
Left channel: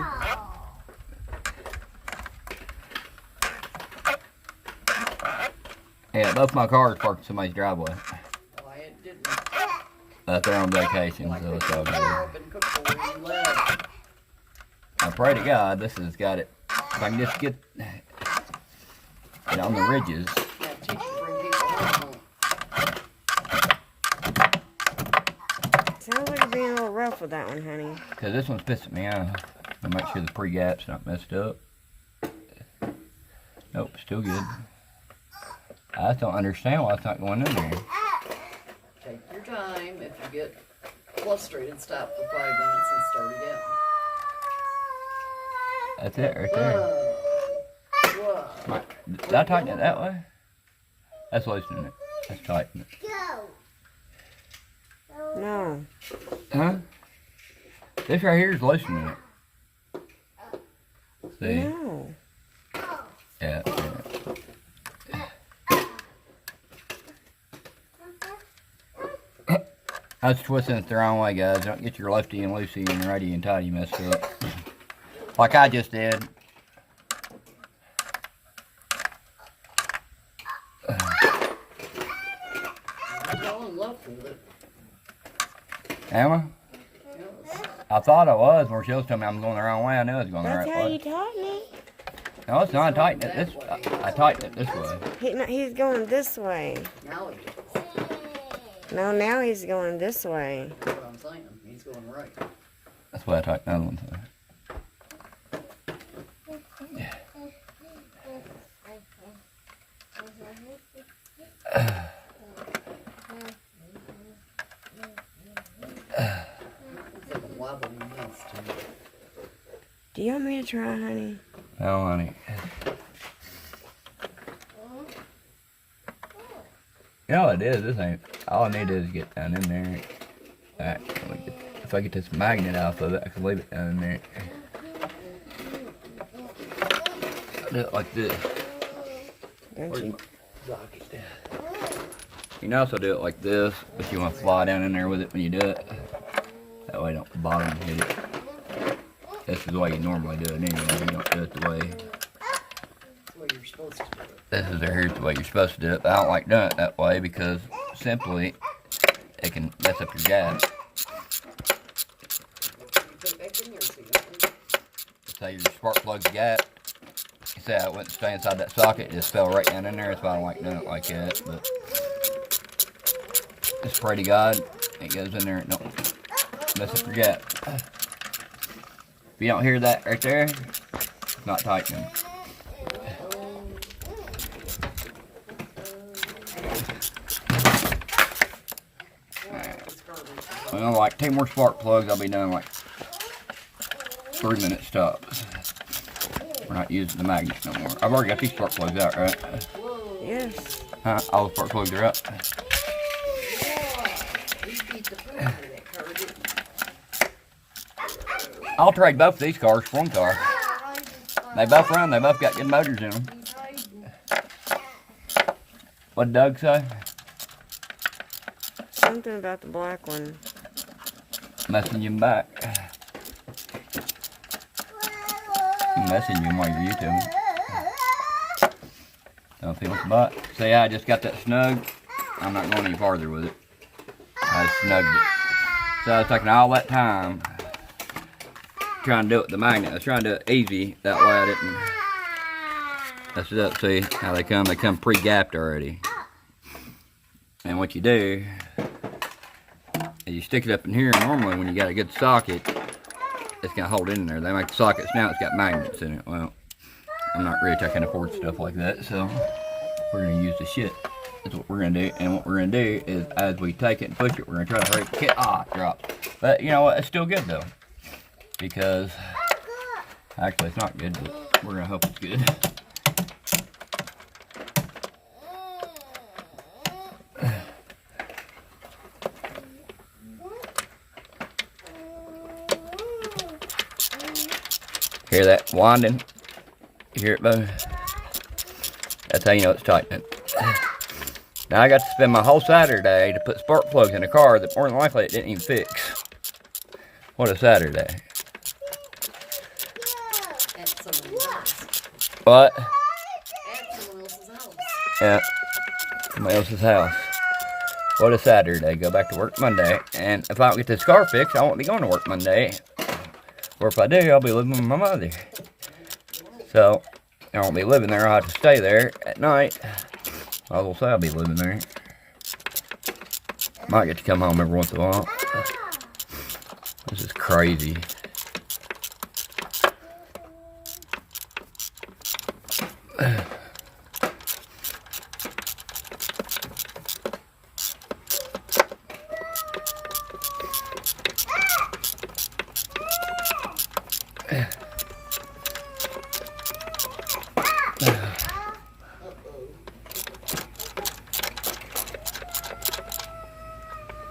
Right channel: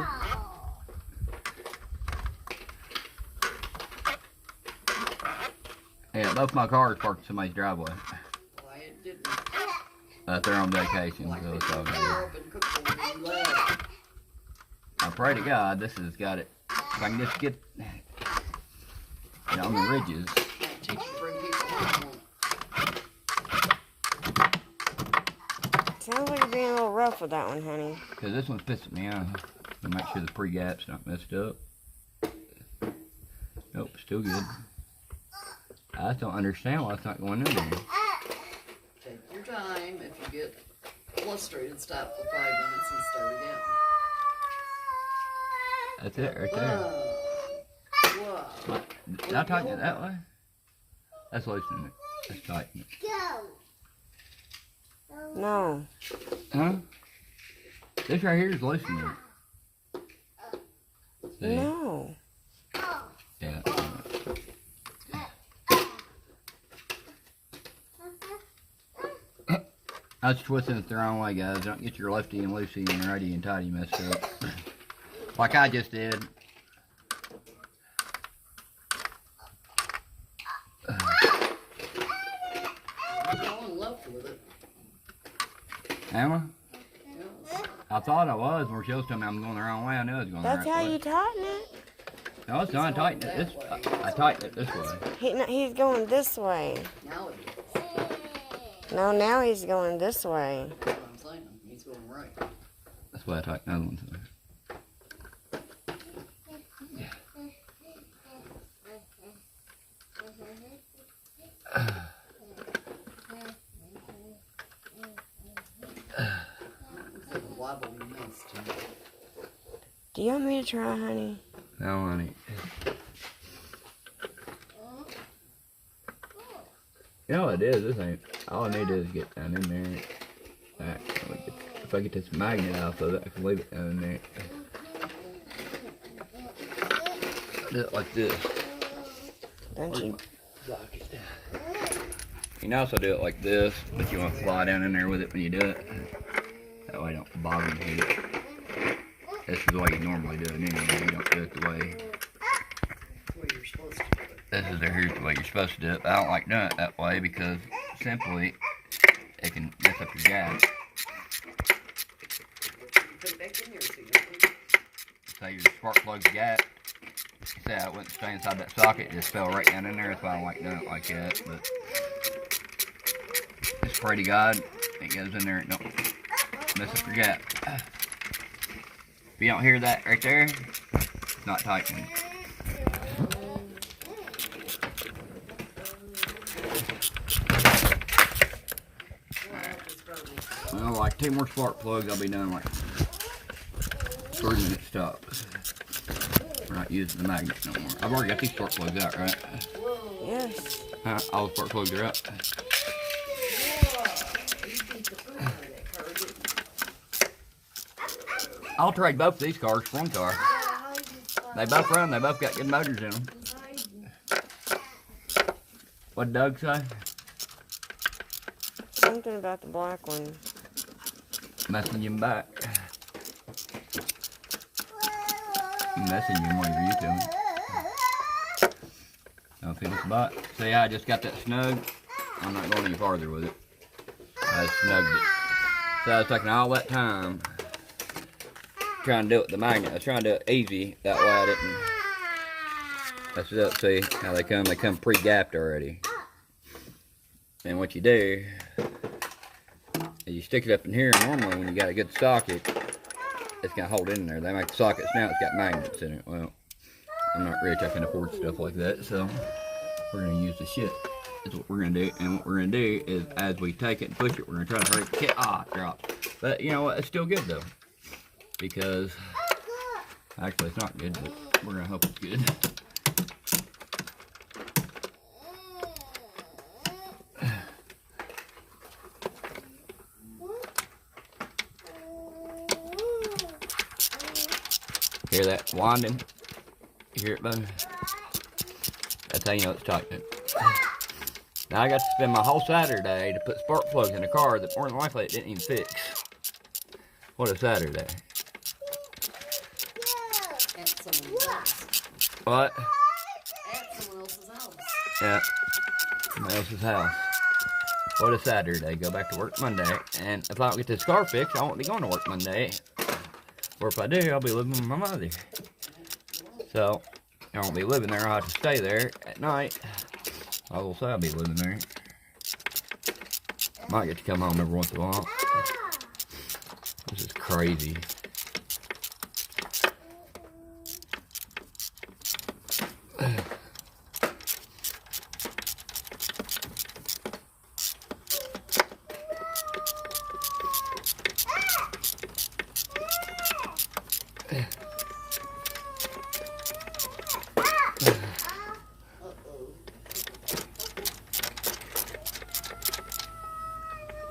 Yeah, both my cars parked in somebody's driveway. Why it didn't? But they're on vacation, Like so pick it's all your good. car up and cook for you and left. I pray to God this has got it. If I can just get it on the ridges. Yeah, teach you to bring people home. Sounds like you're being a little rough with that one, honey. Because this one's pissing me off. To make sure the pre-gap's not messed up. Nope, still good. I just don't understand why it's not going in there. Take your time. If you get frustrated, stop for 5 minutes and start again. That's it right there. Whoa. Did I tighten it that way? That's loosening it. That's tightening it. No. Huh? This right here is loosening it. See? No. Yeah. I was twisting it the wrong way, guys. Don't get your lefty and loosey and righty and tighty messed up. Like I just did. You're going left with it. Am I? Yes. I thought I was, where she was telling me I'm going the wrong way. I knew I was going That's the right how way. you tighten it. No, it's not. I tightened it this. I tightened it this way. He's going this way. Now he is. No, now he's going this way. That's what I'm saying. He's going right. That's why I tightened the other one. It's like a wobbly mess to me. Do you want me to try, honey? No, honey. You know what it is? This ain't. All I need is get down in there. Alright, if I get this magnet off of it, I can leave it down in there. Do it like this. Don't you? You can also do it like this, but you want to fly down in there with it when you do it. That way, don't bottom hit it. This is the way you normally do it anyway. You don't do it the way. That's what you're supposed to do. This is here's the way you're supposed to do it. But I don't like doing it that way because simply it can mess up your gas. Put it back in there so you can. Say your spark plug's gap. You say I went to stay inside that socket, it just fell right down in there. That's why I don't like doing it like that. But just pray to God it goes in there and don't mess up your gap. If you don't hear that right there, it's not tightening. Well, like 2 more spark plugs, I'll be done like 3 minutes tops. We're not using the magnets no more. I've already got these spark plugs out, right? Yes. Huh? All the spark plugs are out. I'll trade both of these cars for one car. They both run. They both got good motors in them. What'd Doug say? Something about the black one. Messing you back. Messing you while you're YouTube. Don't feel it's about. See, I just got that snug. I'm not going any farther with it. I snugged it. So I was taking all that time trying to do it with the magnet. I was trying to do it easy. That way I didn't. That's it. See how they come? They come pre-gapped already. And what you do is you stick it up in here. Normally when you got a good socket, it's gonna hold it in there. They make the sockets now, it's got magnets in it. Well, I'm not rich, I can't afford stuff like that, so we're gonna use the shit. That's what we're gonna do. And what we're gonna do is as we take it and push it, we're gonna try to hurry it. Drop. But you know what, it's still good though. Because actually it's not good, but we're gonna hope it's good. Hear that winding? You hear it, bud? That's how you know it's tightening. Now I got to spend my whole Saturday to put spark plugs in a car that more than likely it didn't even fix. What a Saturday. At someone's house. What? At someone else's house. Yeah. Somebody else's house. What a Saturday. Go back to work Monday. And if I don't get this car fixed, I won't be going to work Monday. Or if I do, I'll be living with my mother. So, I won't be living there. I'll have to stay there at night. I will say I'll be living there. Might get to come home every once in a while. This is crazy.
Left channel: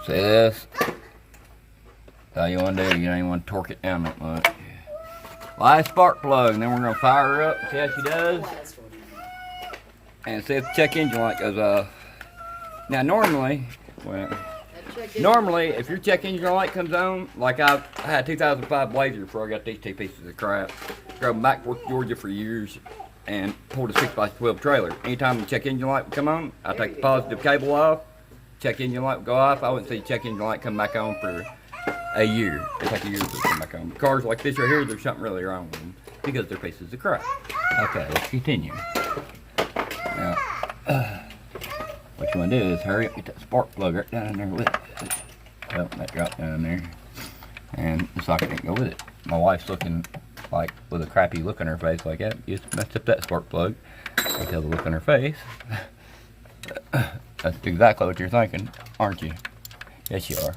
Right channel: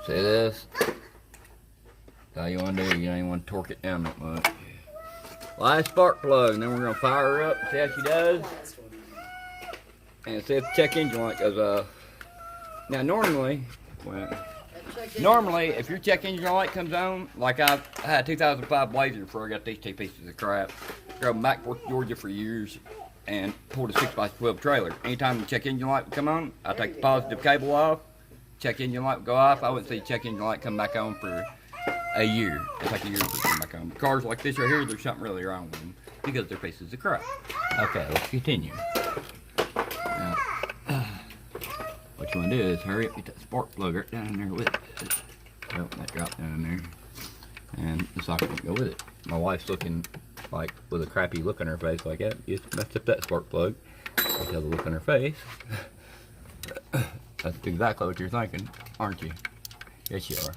See this? How you want to do? You don't even want to torque it down that much. Last spark plug, and then we're going to fire her up, see how she does. And see if the check engine light goes off. Now normally, well, normally if your check engine light comes on, like I had a 2005 Blazer before I got these 2 pieces of crap. Drove back to Georgia for years and pulled a 6x12 trailer. Anytime the check engine light would come on, I'd take the positive cable off. Check engine light would go off. I wouldn't see the check engine light come back on for a year. It's like a year before it come back on. Cars like this right here, there's something really wrong with them because they're pieces of crap. Okay, let's continue. Now, what you want to do is hurry up, get that spark plug right down in there with it. Oh, that dropped down in there. And the socket didn't go with it. My wife's looking like with a crappy look on her face like that. You just messed up that spark plug. I tell the look on her face. That's exactly what you're thinking, aren't you? Yes, you are.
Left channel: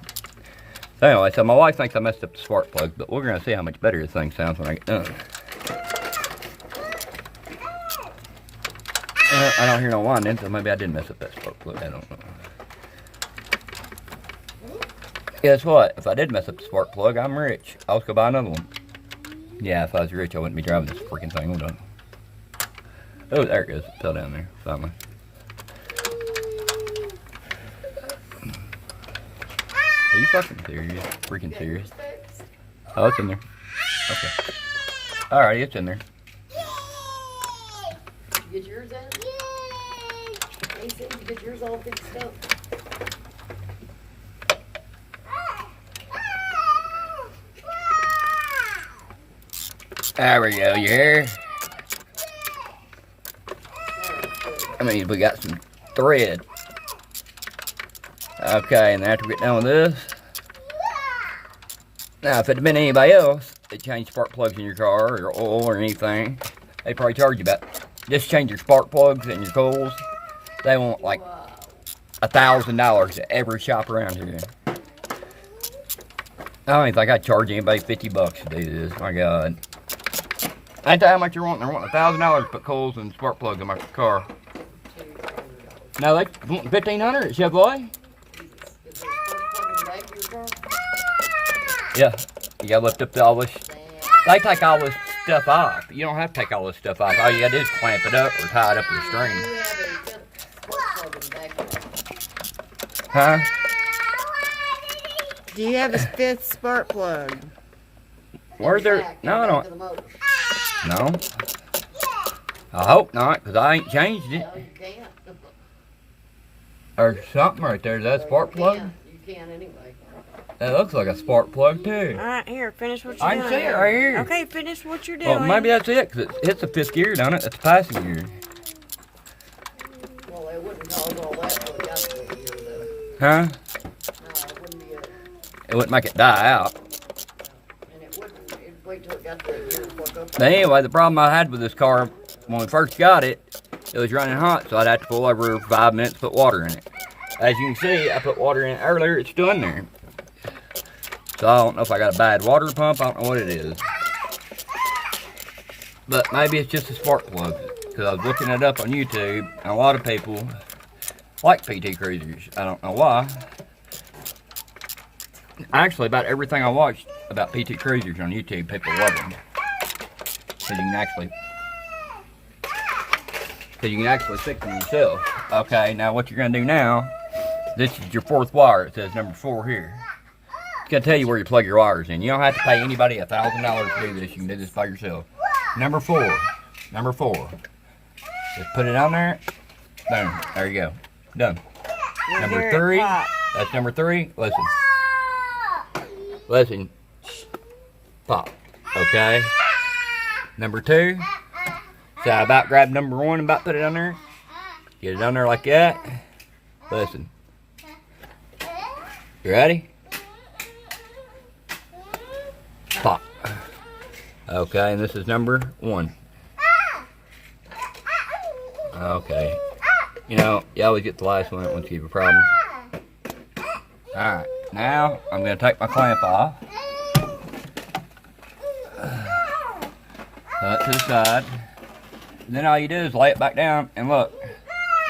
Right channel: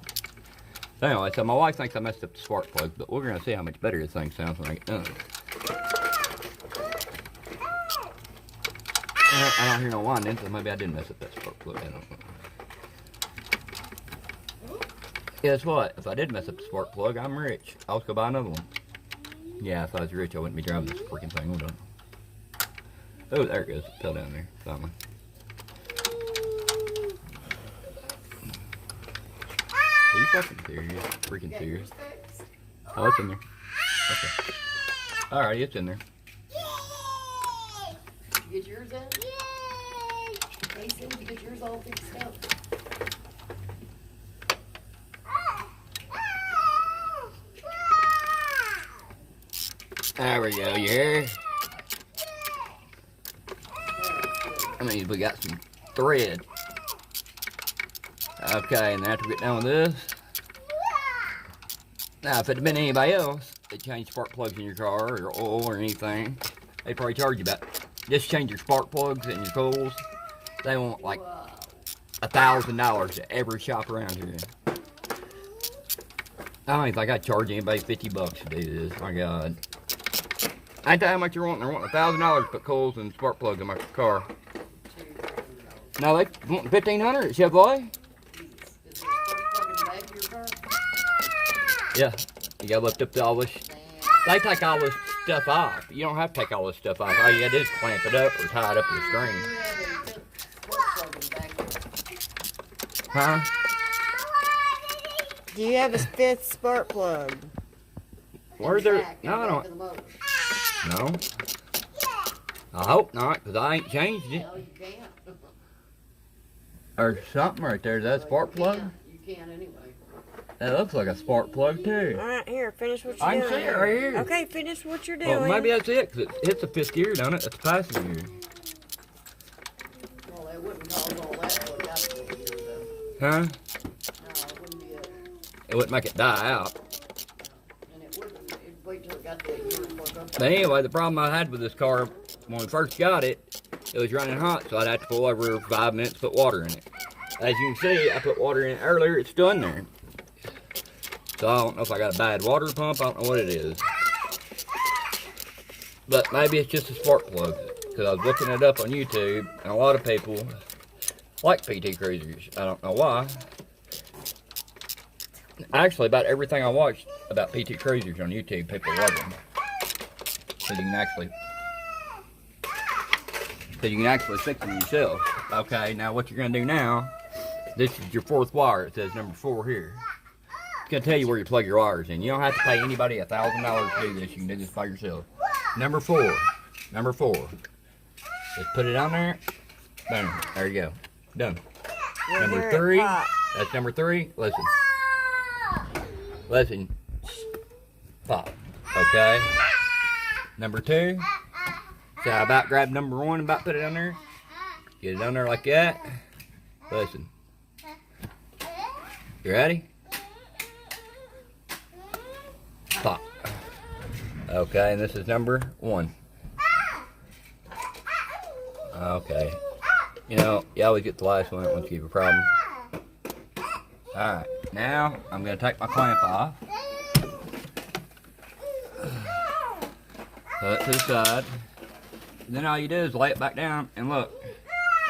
So anyway, so my wife thinks I messed up the spark plug, but we're going to see how much better this thing sounds when I get done. I don't hear no winding, so maybe I did mess up that spark plug. I don't know. Guess what? If I did mess up the spark plug, I'm rich. I'll just go buy another one. Yeah, if I was rich, I wouldn't be driving this freaking thing. Hold on. Oh, there it goes. It fell down there. Finally. Are you fucking serious? Freaking serious? Oh, it's in there. Okay. Alrighty, it's in there. You get yours in? Yay! Mason, you get yours all fixed up. There we go, you hear? I mean, we got some thread. Okay, and then after we get done with this, now if it had been anybody else that changed spark plugs in your car or oil or anything, they probably charge you about, just change your spark plugs and your coils. They want like $1,000 at every shop around here. I don't even think I'd charge anybody $50 to do this. My God. Ain't that how much you're wanting? They're wanting $1,000 to put coils and spark plugs in my car. No, they want $1,500 at Chevrolet. Yeah, you gotta lift up all this. They take all this stuff off. You don't have to take all this stuff off. All you gotta do is clamp it up or tie it up with a string. Huh? Do you have a fifth spark plug? Where's there? No, I don't. No. I hope not, because I ain't changed it. No, you can't. There's something right there. Is that a spark plug? You can anyway. That looks like a spark plug, too. Alright, here, finish what you're I doing. can see it right here. Okay, finish what you're doing. Well, maybe that's it, because it hits the 5th gear, don't it? That's the passing gear. Well, they wouldn't cause all that till it got to the year, though. Huh? No, it wouldn't be a, It wouldn't make it die out. and it wouldn't, it'd wait till it got to the year before it goes. But anyway, the problem I had with this car when we first got it, it was running hot, so I'd have to pull over 5 minutes to put water in it. As you can see, I put water in it earlier, it's still in there. So I don't know if I got a bad water pump, I don't know what it is. But maybe it's just a spark plug, because I was looking it up on YouTube, and a lot of people like PTCRUiSERs. I don't know why. Actually, about everything I watched about PTCRUiSERs on YouTube, people love them. So you can actually fix them yourself. Okay, now what you're gonna do now, this is your 4th wire. It says number 4 here. It's gonna tell you where you plug your wires in. You don't have to pay anybody $1,000 to do this. You can do this by yourself. Number 4. Number 4. Just put it on there. Boom. There you go. Done. Number 3. That's number 3. Listen. Listen. Pop. Okay. Number 2. So I about grabbed number 1 and about put it on there. Get it on there like that. Listen. You ready? Pop. Okay, and this is number 1. Okay. You know, you always get the last one once you have a problem. Alright, now I'm going to take my clamp off. Put it to the side. And then all you do is lay it back down and look.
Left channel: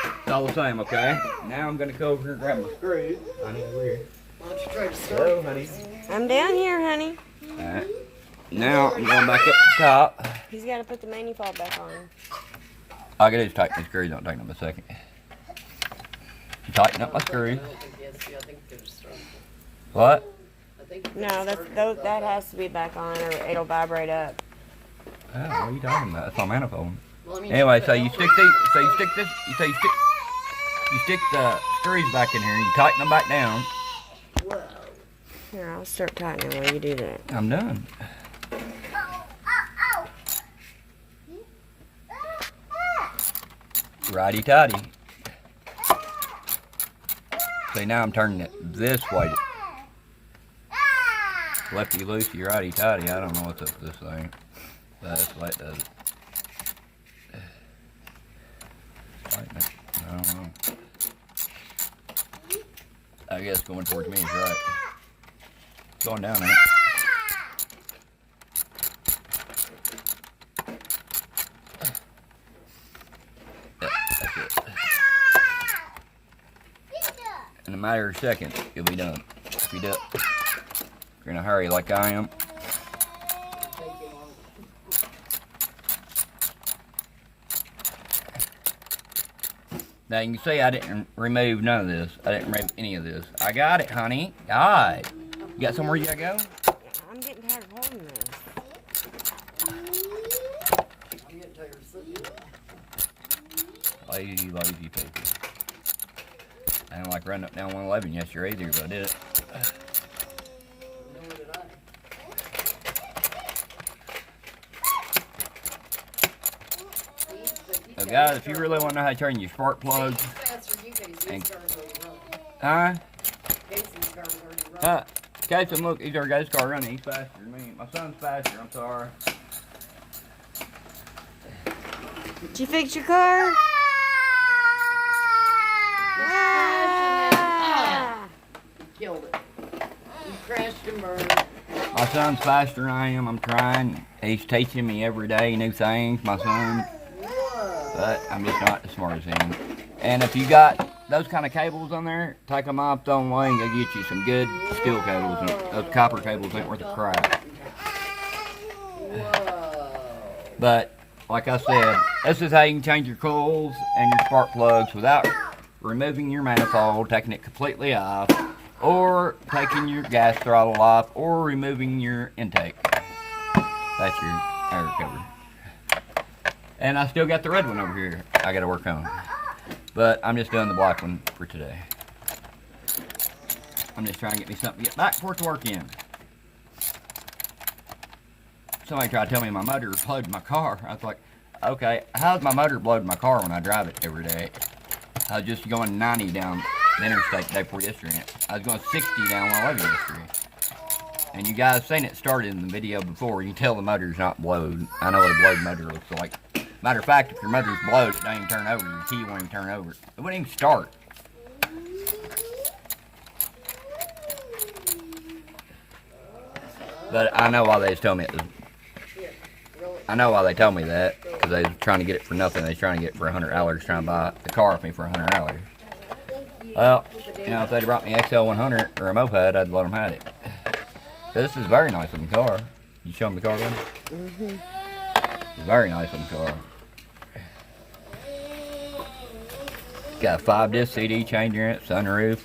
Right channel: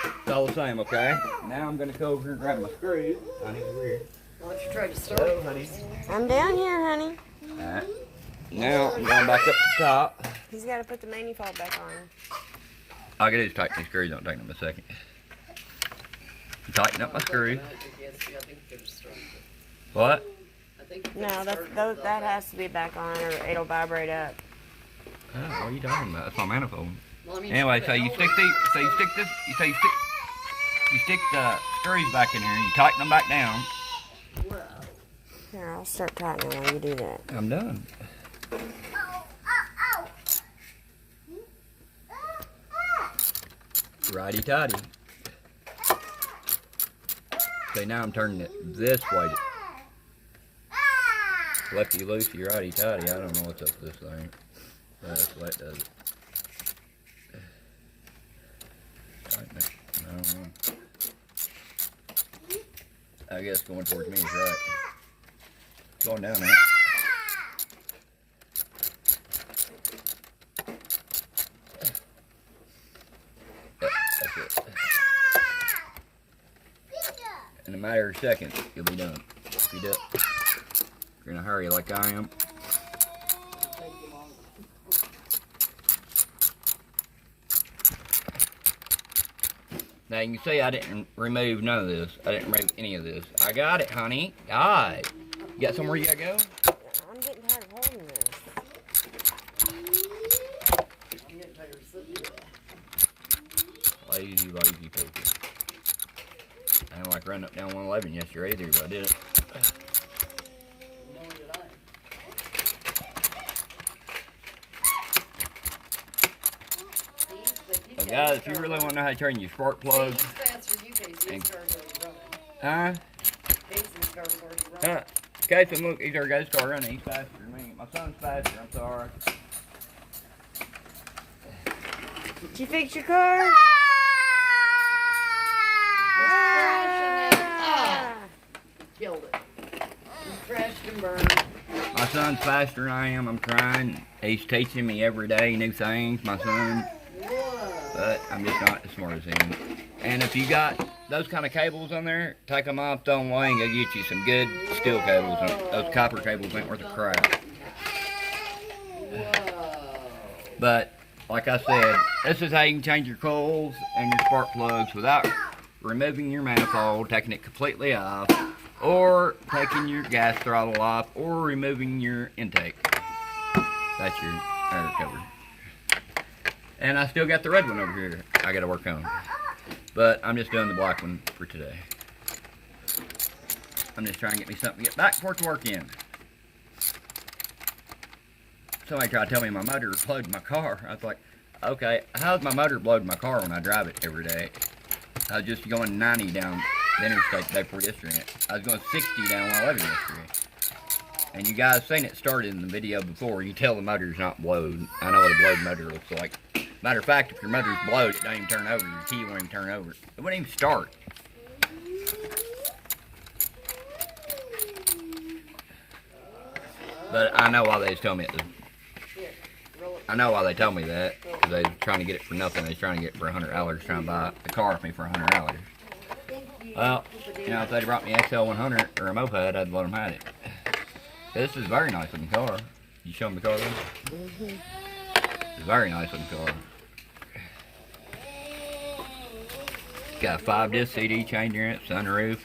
It's all the same, okay? Now I'm going to go over here and grab my screws. Honey, over here. Why don't you try to start? Go, honey. I'm down here, honey. Alright. Now I'm going back up to the top. He's got to put the manifold back on. All I gotta do is tighten the screws. Don't take them a second. Tighten up my screws. What? No, that has to be back on or it'll vibrate up. Oh, what are you talking about? That's my manifold. Anyway, so you stick the, you stick the screws back in here. You tighten them back down. Here, I'll start tightening while you do that. I'm done. Righty tighty. See, now I'm turning it this way. Lefty loosey, righty tighty. I don't know what's up with this thing. That's what it does. I don't know. I guess going towards me is right. Going down there. That's it. In a matter of seconds, you'll be done. If you do it, if you're in a hurry like I am. Now you can see I didn't remove none of this. I didn't remove any of this. I got it, honey. Alright. You got somewhere you gotta go? I'm getting tired of holding this. Lazy people. I don't like running up down 111 yesterday either, but I did it. So guys, if you really want to know how to turn your spark plugs, huh? Casey, look, he's already got to start running. He's faster than me. My son's faster. I'm sorry. Did you fix your car? Killed it. You crashed and burned. My son's faster than I am. I'm trying. He's teaching me every day new things, my son. But I'm just not as smart as him. And if you got those kind of cables on there, take them off, throw them away, and go get you some good steel cables. Those copper cables ain't worth a crap. But, like I said, this is how you can change your coils and your spark plugs without removing your manifold, taking it completely off, or taking your gas throttle off, or removing your intake. That's your air cover. And I still got the red one over here I gotta work on. But I'm just doing the black one for today. I'm just trying to get me something to get back for it to work in. Somebody tried to tell me my motor blowed my car. I was like, okay, how's my motor blowed my car when I drive it every day? I was just going 90 down the interstate the day before yesterday. I was going 60 down 111 yesterday. And you guys seen it started in the video before. You can tell the motor's not blowed. I know what a blowed motor looks like. Matter of fact, if your motor's blowed, it doesn't even turn over. Your key won't even turn over. It wouldn't even start. But I know why they was telling me it was. I know why they told me that. Because they was trying to get it for nothing. They was trying to get it for $100, trying to buy the car off me for $100. Well, you know, if they'd brought me XL100 or a moped, I'd let them have it. This is a very nice looking car. You show them the car, then? Mm-hmm. It's a very nice looking car. It's got a 5-disc CD changer in it, sunroof,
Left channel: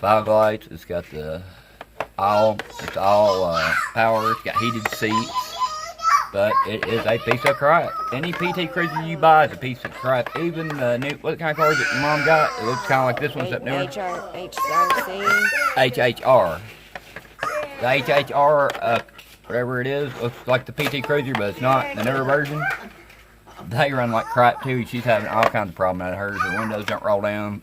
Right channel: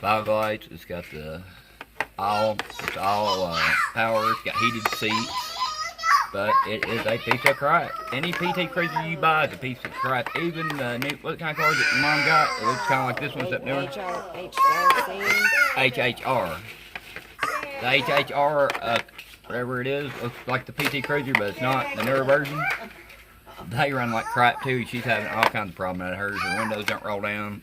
fog lights. It's got the all power. It's got heated seats. But it is a piece of crap. Any PTCRUiSeR you buy is a piece of crap. Even the new, what kind of car is it your mom got? It looks kind of like this one's up there. HHR. The HHR, whatever it is, looks like the PTCRUiSeR, but it's not. The newer version, they run like crap too. She's having all kinds of problems at hers. Her windows don't roll down.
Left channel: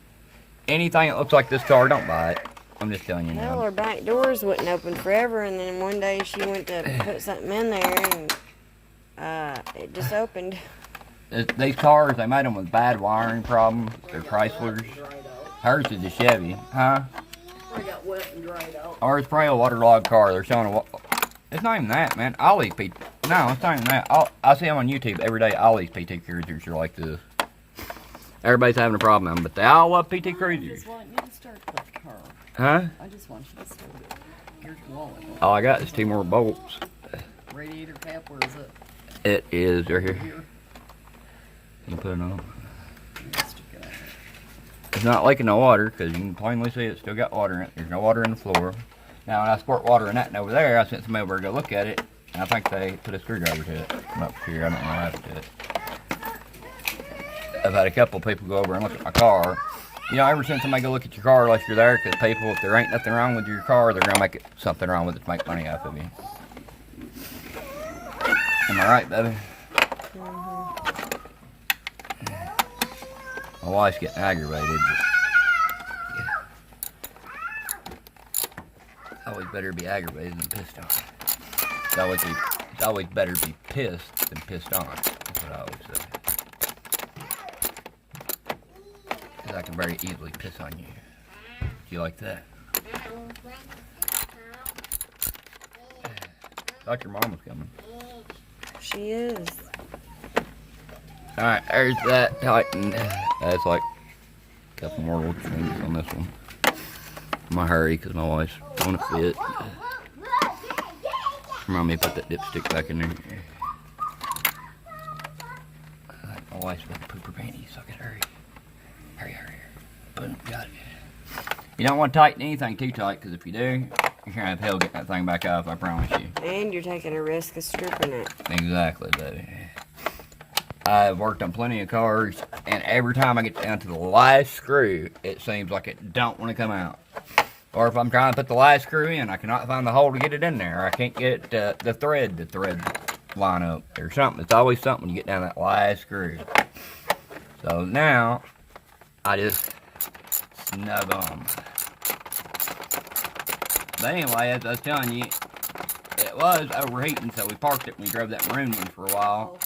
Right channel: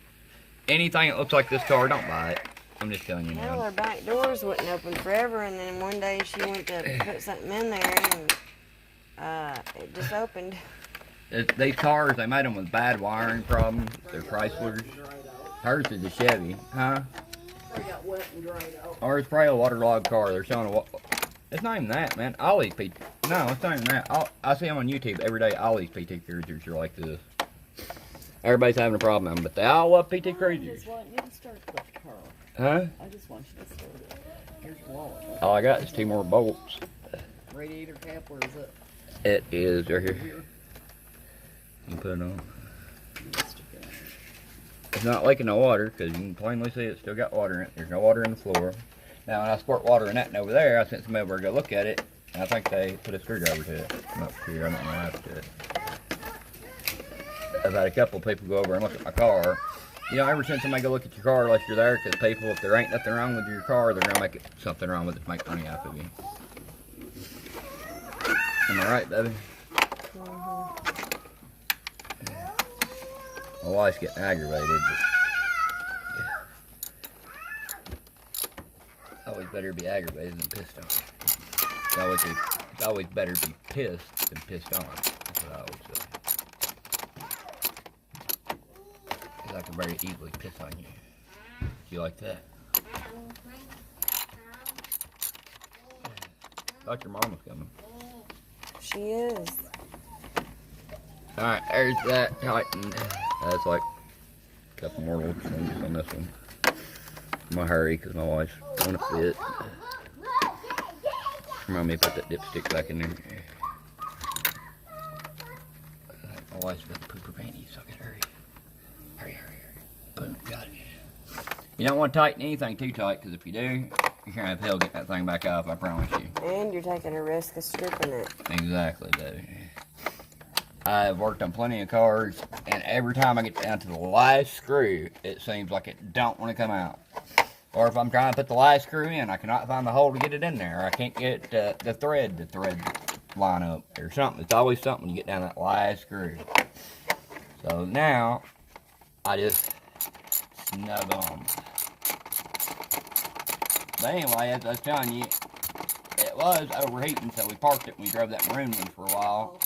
Anything that looks like this car, don't buy it. I'm just telling you. Well, her back doors wouldn't open forever, and then one day she went to put something in there, and it just opened. These cars, they made them with bad wiring problems. They're Chryslers. Hers is a Chevy, huh? I got wet and dried out. Or it's probably a waterlogged car. They're showing a. It's not even that, man. All these PT. No, it's not even that. I see them on YouTube every day. All these PTCRUiSERs are like this. Everybody's having a problem, but they all love PTCRUiSERs. I just want you to start the car. Huh? I just want you to start it. Here's your wallet. All I got is 2 more bolts. Radiator cap, where is it? It is right here. Here. You put it on. Stick it out. It's not leaking no water because you can plainly see it's still got water in it. There's no water in the floor. Now when I squirt water in that and over there, I sent somebody over to go look at it, and I think they put a screwdriver to it. I'm not sure. I don't know how to do it. I've had a couple people go over and look at my car. You know, ever since somebody go look at your car unless you're there, because people, if there ain't nothing wrong with your car, they're gonna make it something wrong with it to make money off of you. Am I right, baby? Mm-hmm. My wife's getting aggravated. But, yeah. Always better be aggravated than pissed off. It's always better to be pissed than pissed off. That's what I always say. Because I can very easily piss on you. Do you like that? Thought your mom was coming. She is. Alright, there's that tightened. That's like a couple more little changes on this one. I'm gonna hurry because my wife's on a fit. Remind me to put that dipstick back in there. My wife's with the pooper panties, so I can hurry. Hurry. Boom, got it. You don't want to tighten anything too tight because if you do, you're gonna have hell getting that thing back off, I promise you. And you're taking a risk of stripping it. Exactly, baby. I've worked on plenty of cars, and every time I get down to the last screw, it seems like it don't want to come out. Or if I'm trying to put the last screw in, I cannot find the hole to get it in there. I can't get the thread line up or something. It's always something when you get down that last screw. So now, I just snug on. But anyway, as I was telling you, it was overheating, so we parked it when we drove that maroon one for a while.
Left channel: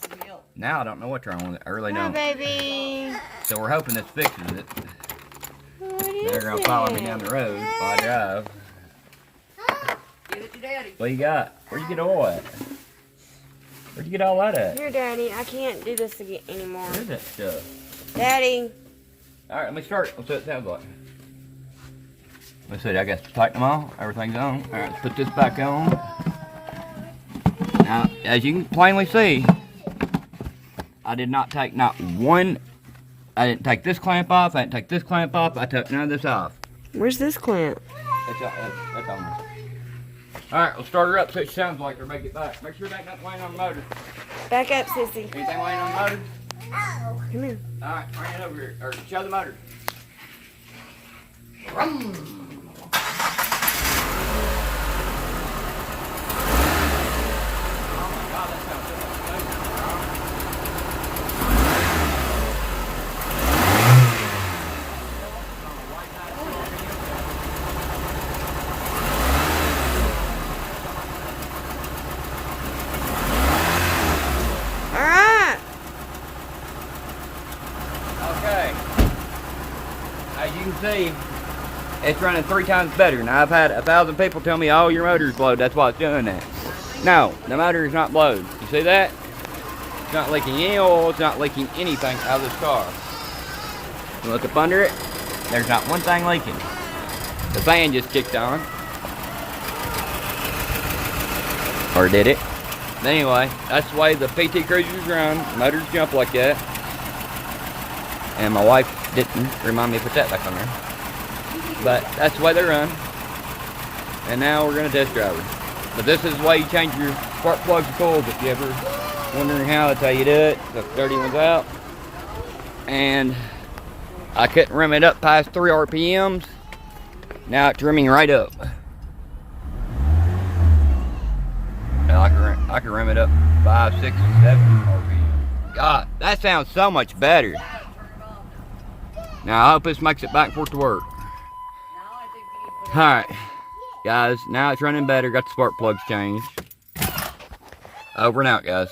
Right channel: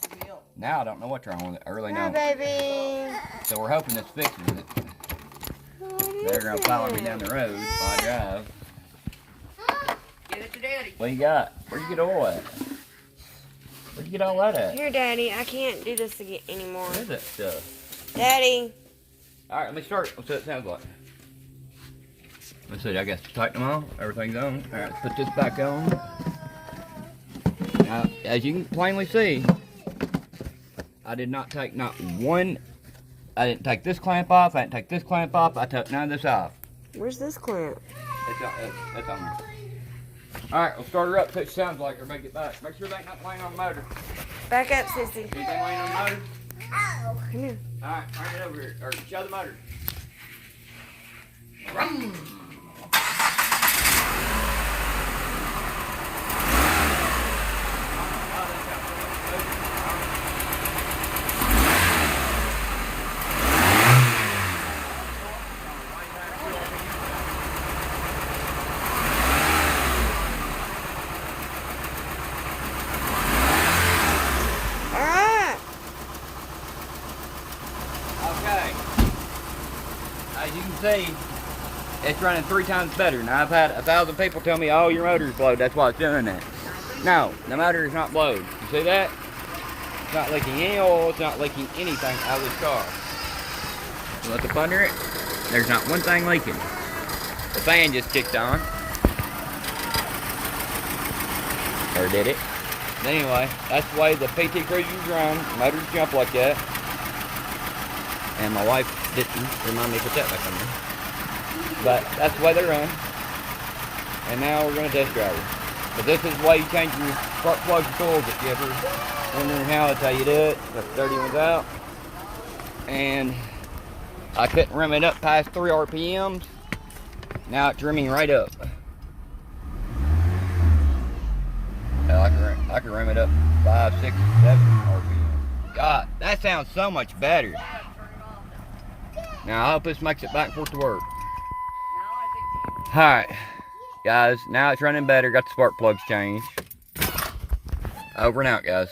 Now I don't know what's wrong with it. I really don't. Hi, baby. So we're hoping this fixes it. They're going to follow me down the road while I drive. Give it to Daddy. What you got? Where'd you get oil at? Where'd you get all that at? Here, Daddy. I can't do this again anymore. What is that stuff? Daddy. Alright, let me start. Let's see what it sounds like. Let's see, I guess tighten them all. Everything's on. Alright, let's put this back on. Now, as you can plainly see, I did not take not one. I didn't take this clamp off. I didn't take this clamp off. I took none of this off. Where's this clamp? That's on there. Alright, we'll start her up so it sounds like her. Make it back. Make sure there ain't nothing laying on the motor. Back up, Sissy. Anything laying on the motor? Come here. Alright, bring it over here. Or show the motor. Alright. Okay. As you can see, it's running 3 times better. Now, I've had 1,000 people tell me, oh, your motor's blowed. That's why it's doing that. No, the motor is not blowed. You see that? It's not leaking any oil. It's not leaking anything out of this car. You look up under it, there's not one thing leaking. The fan just kicked on. Or did it? But anyway, that's the way the PTCRUiSERs run. Motors jump like that. And my wife didn't remind me to put that back on there. But that's the way they run. And now we're going to test drive it. But this is the way you change your spark plugs and coils if you ever wondering how. That's how you do it. Got the dirty ones out. And I couldn't rim it up past 3 RPMs. Now it's rimming right up. Now I can rim it up 5, 6, 7 RPM. God, that sounds so much better. Now I hope this makes it back and forth to work. Alright, guys, now it's running better. Got the spark plugs changed. Over and out, guys.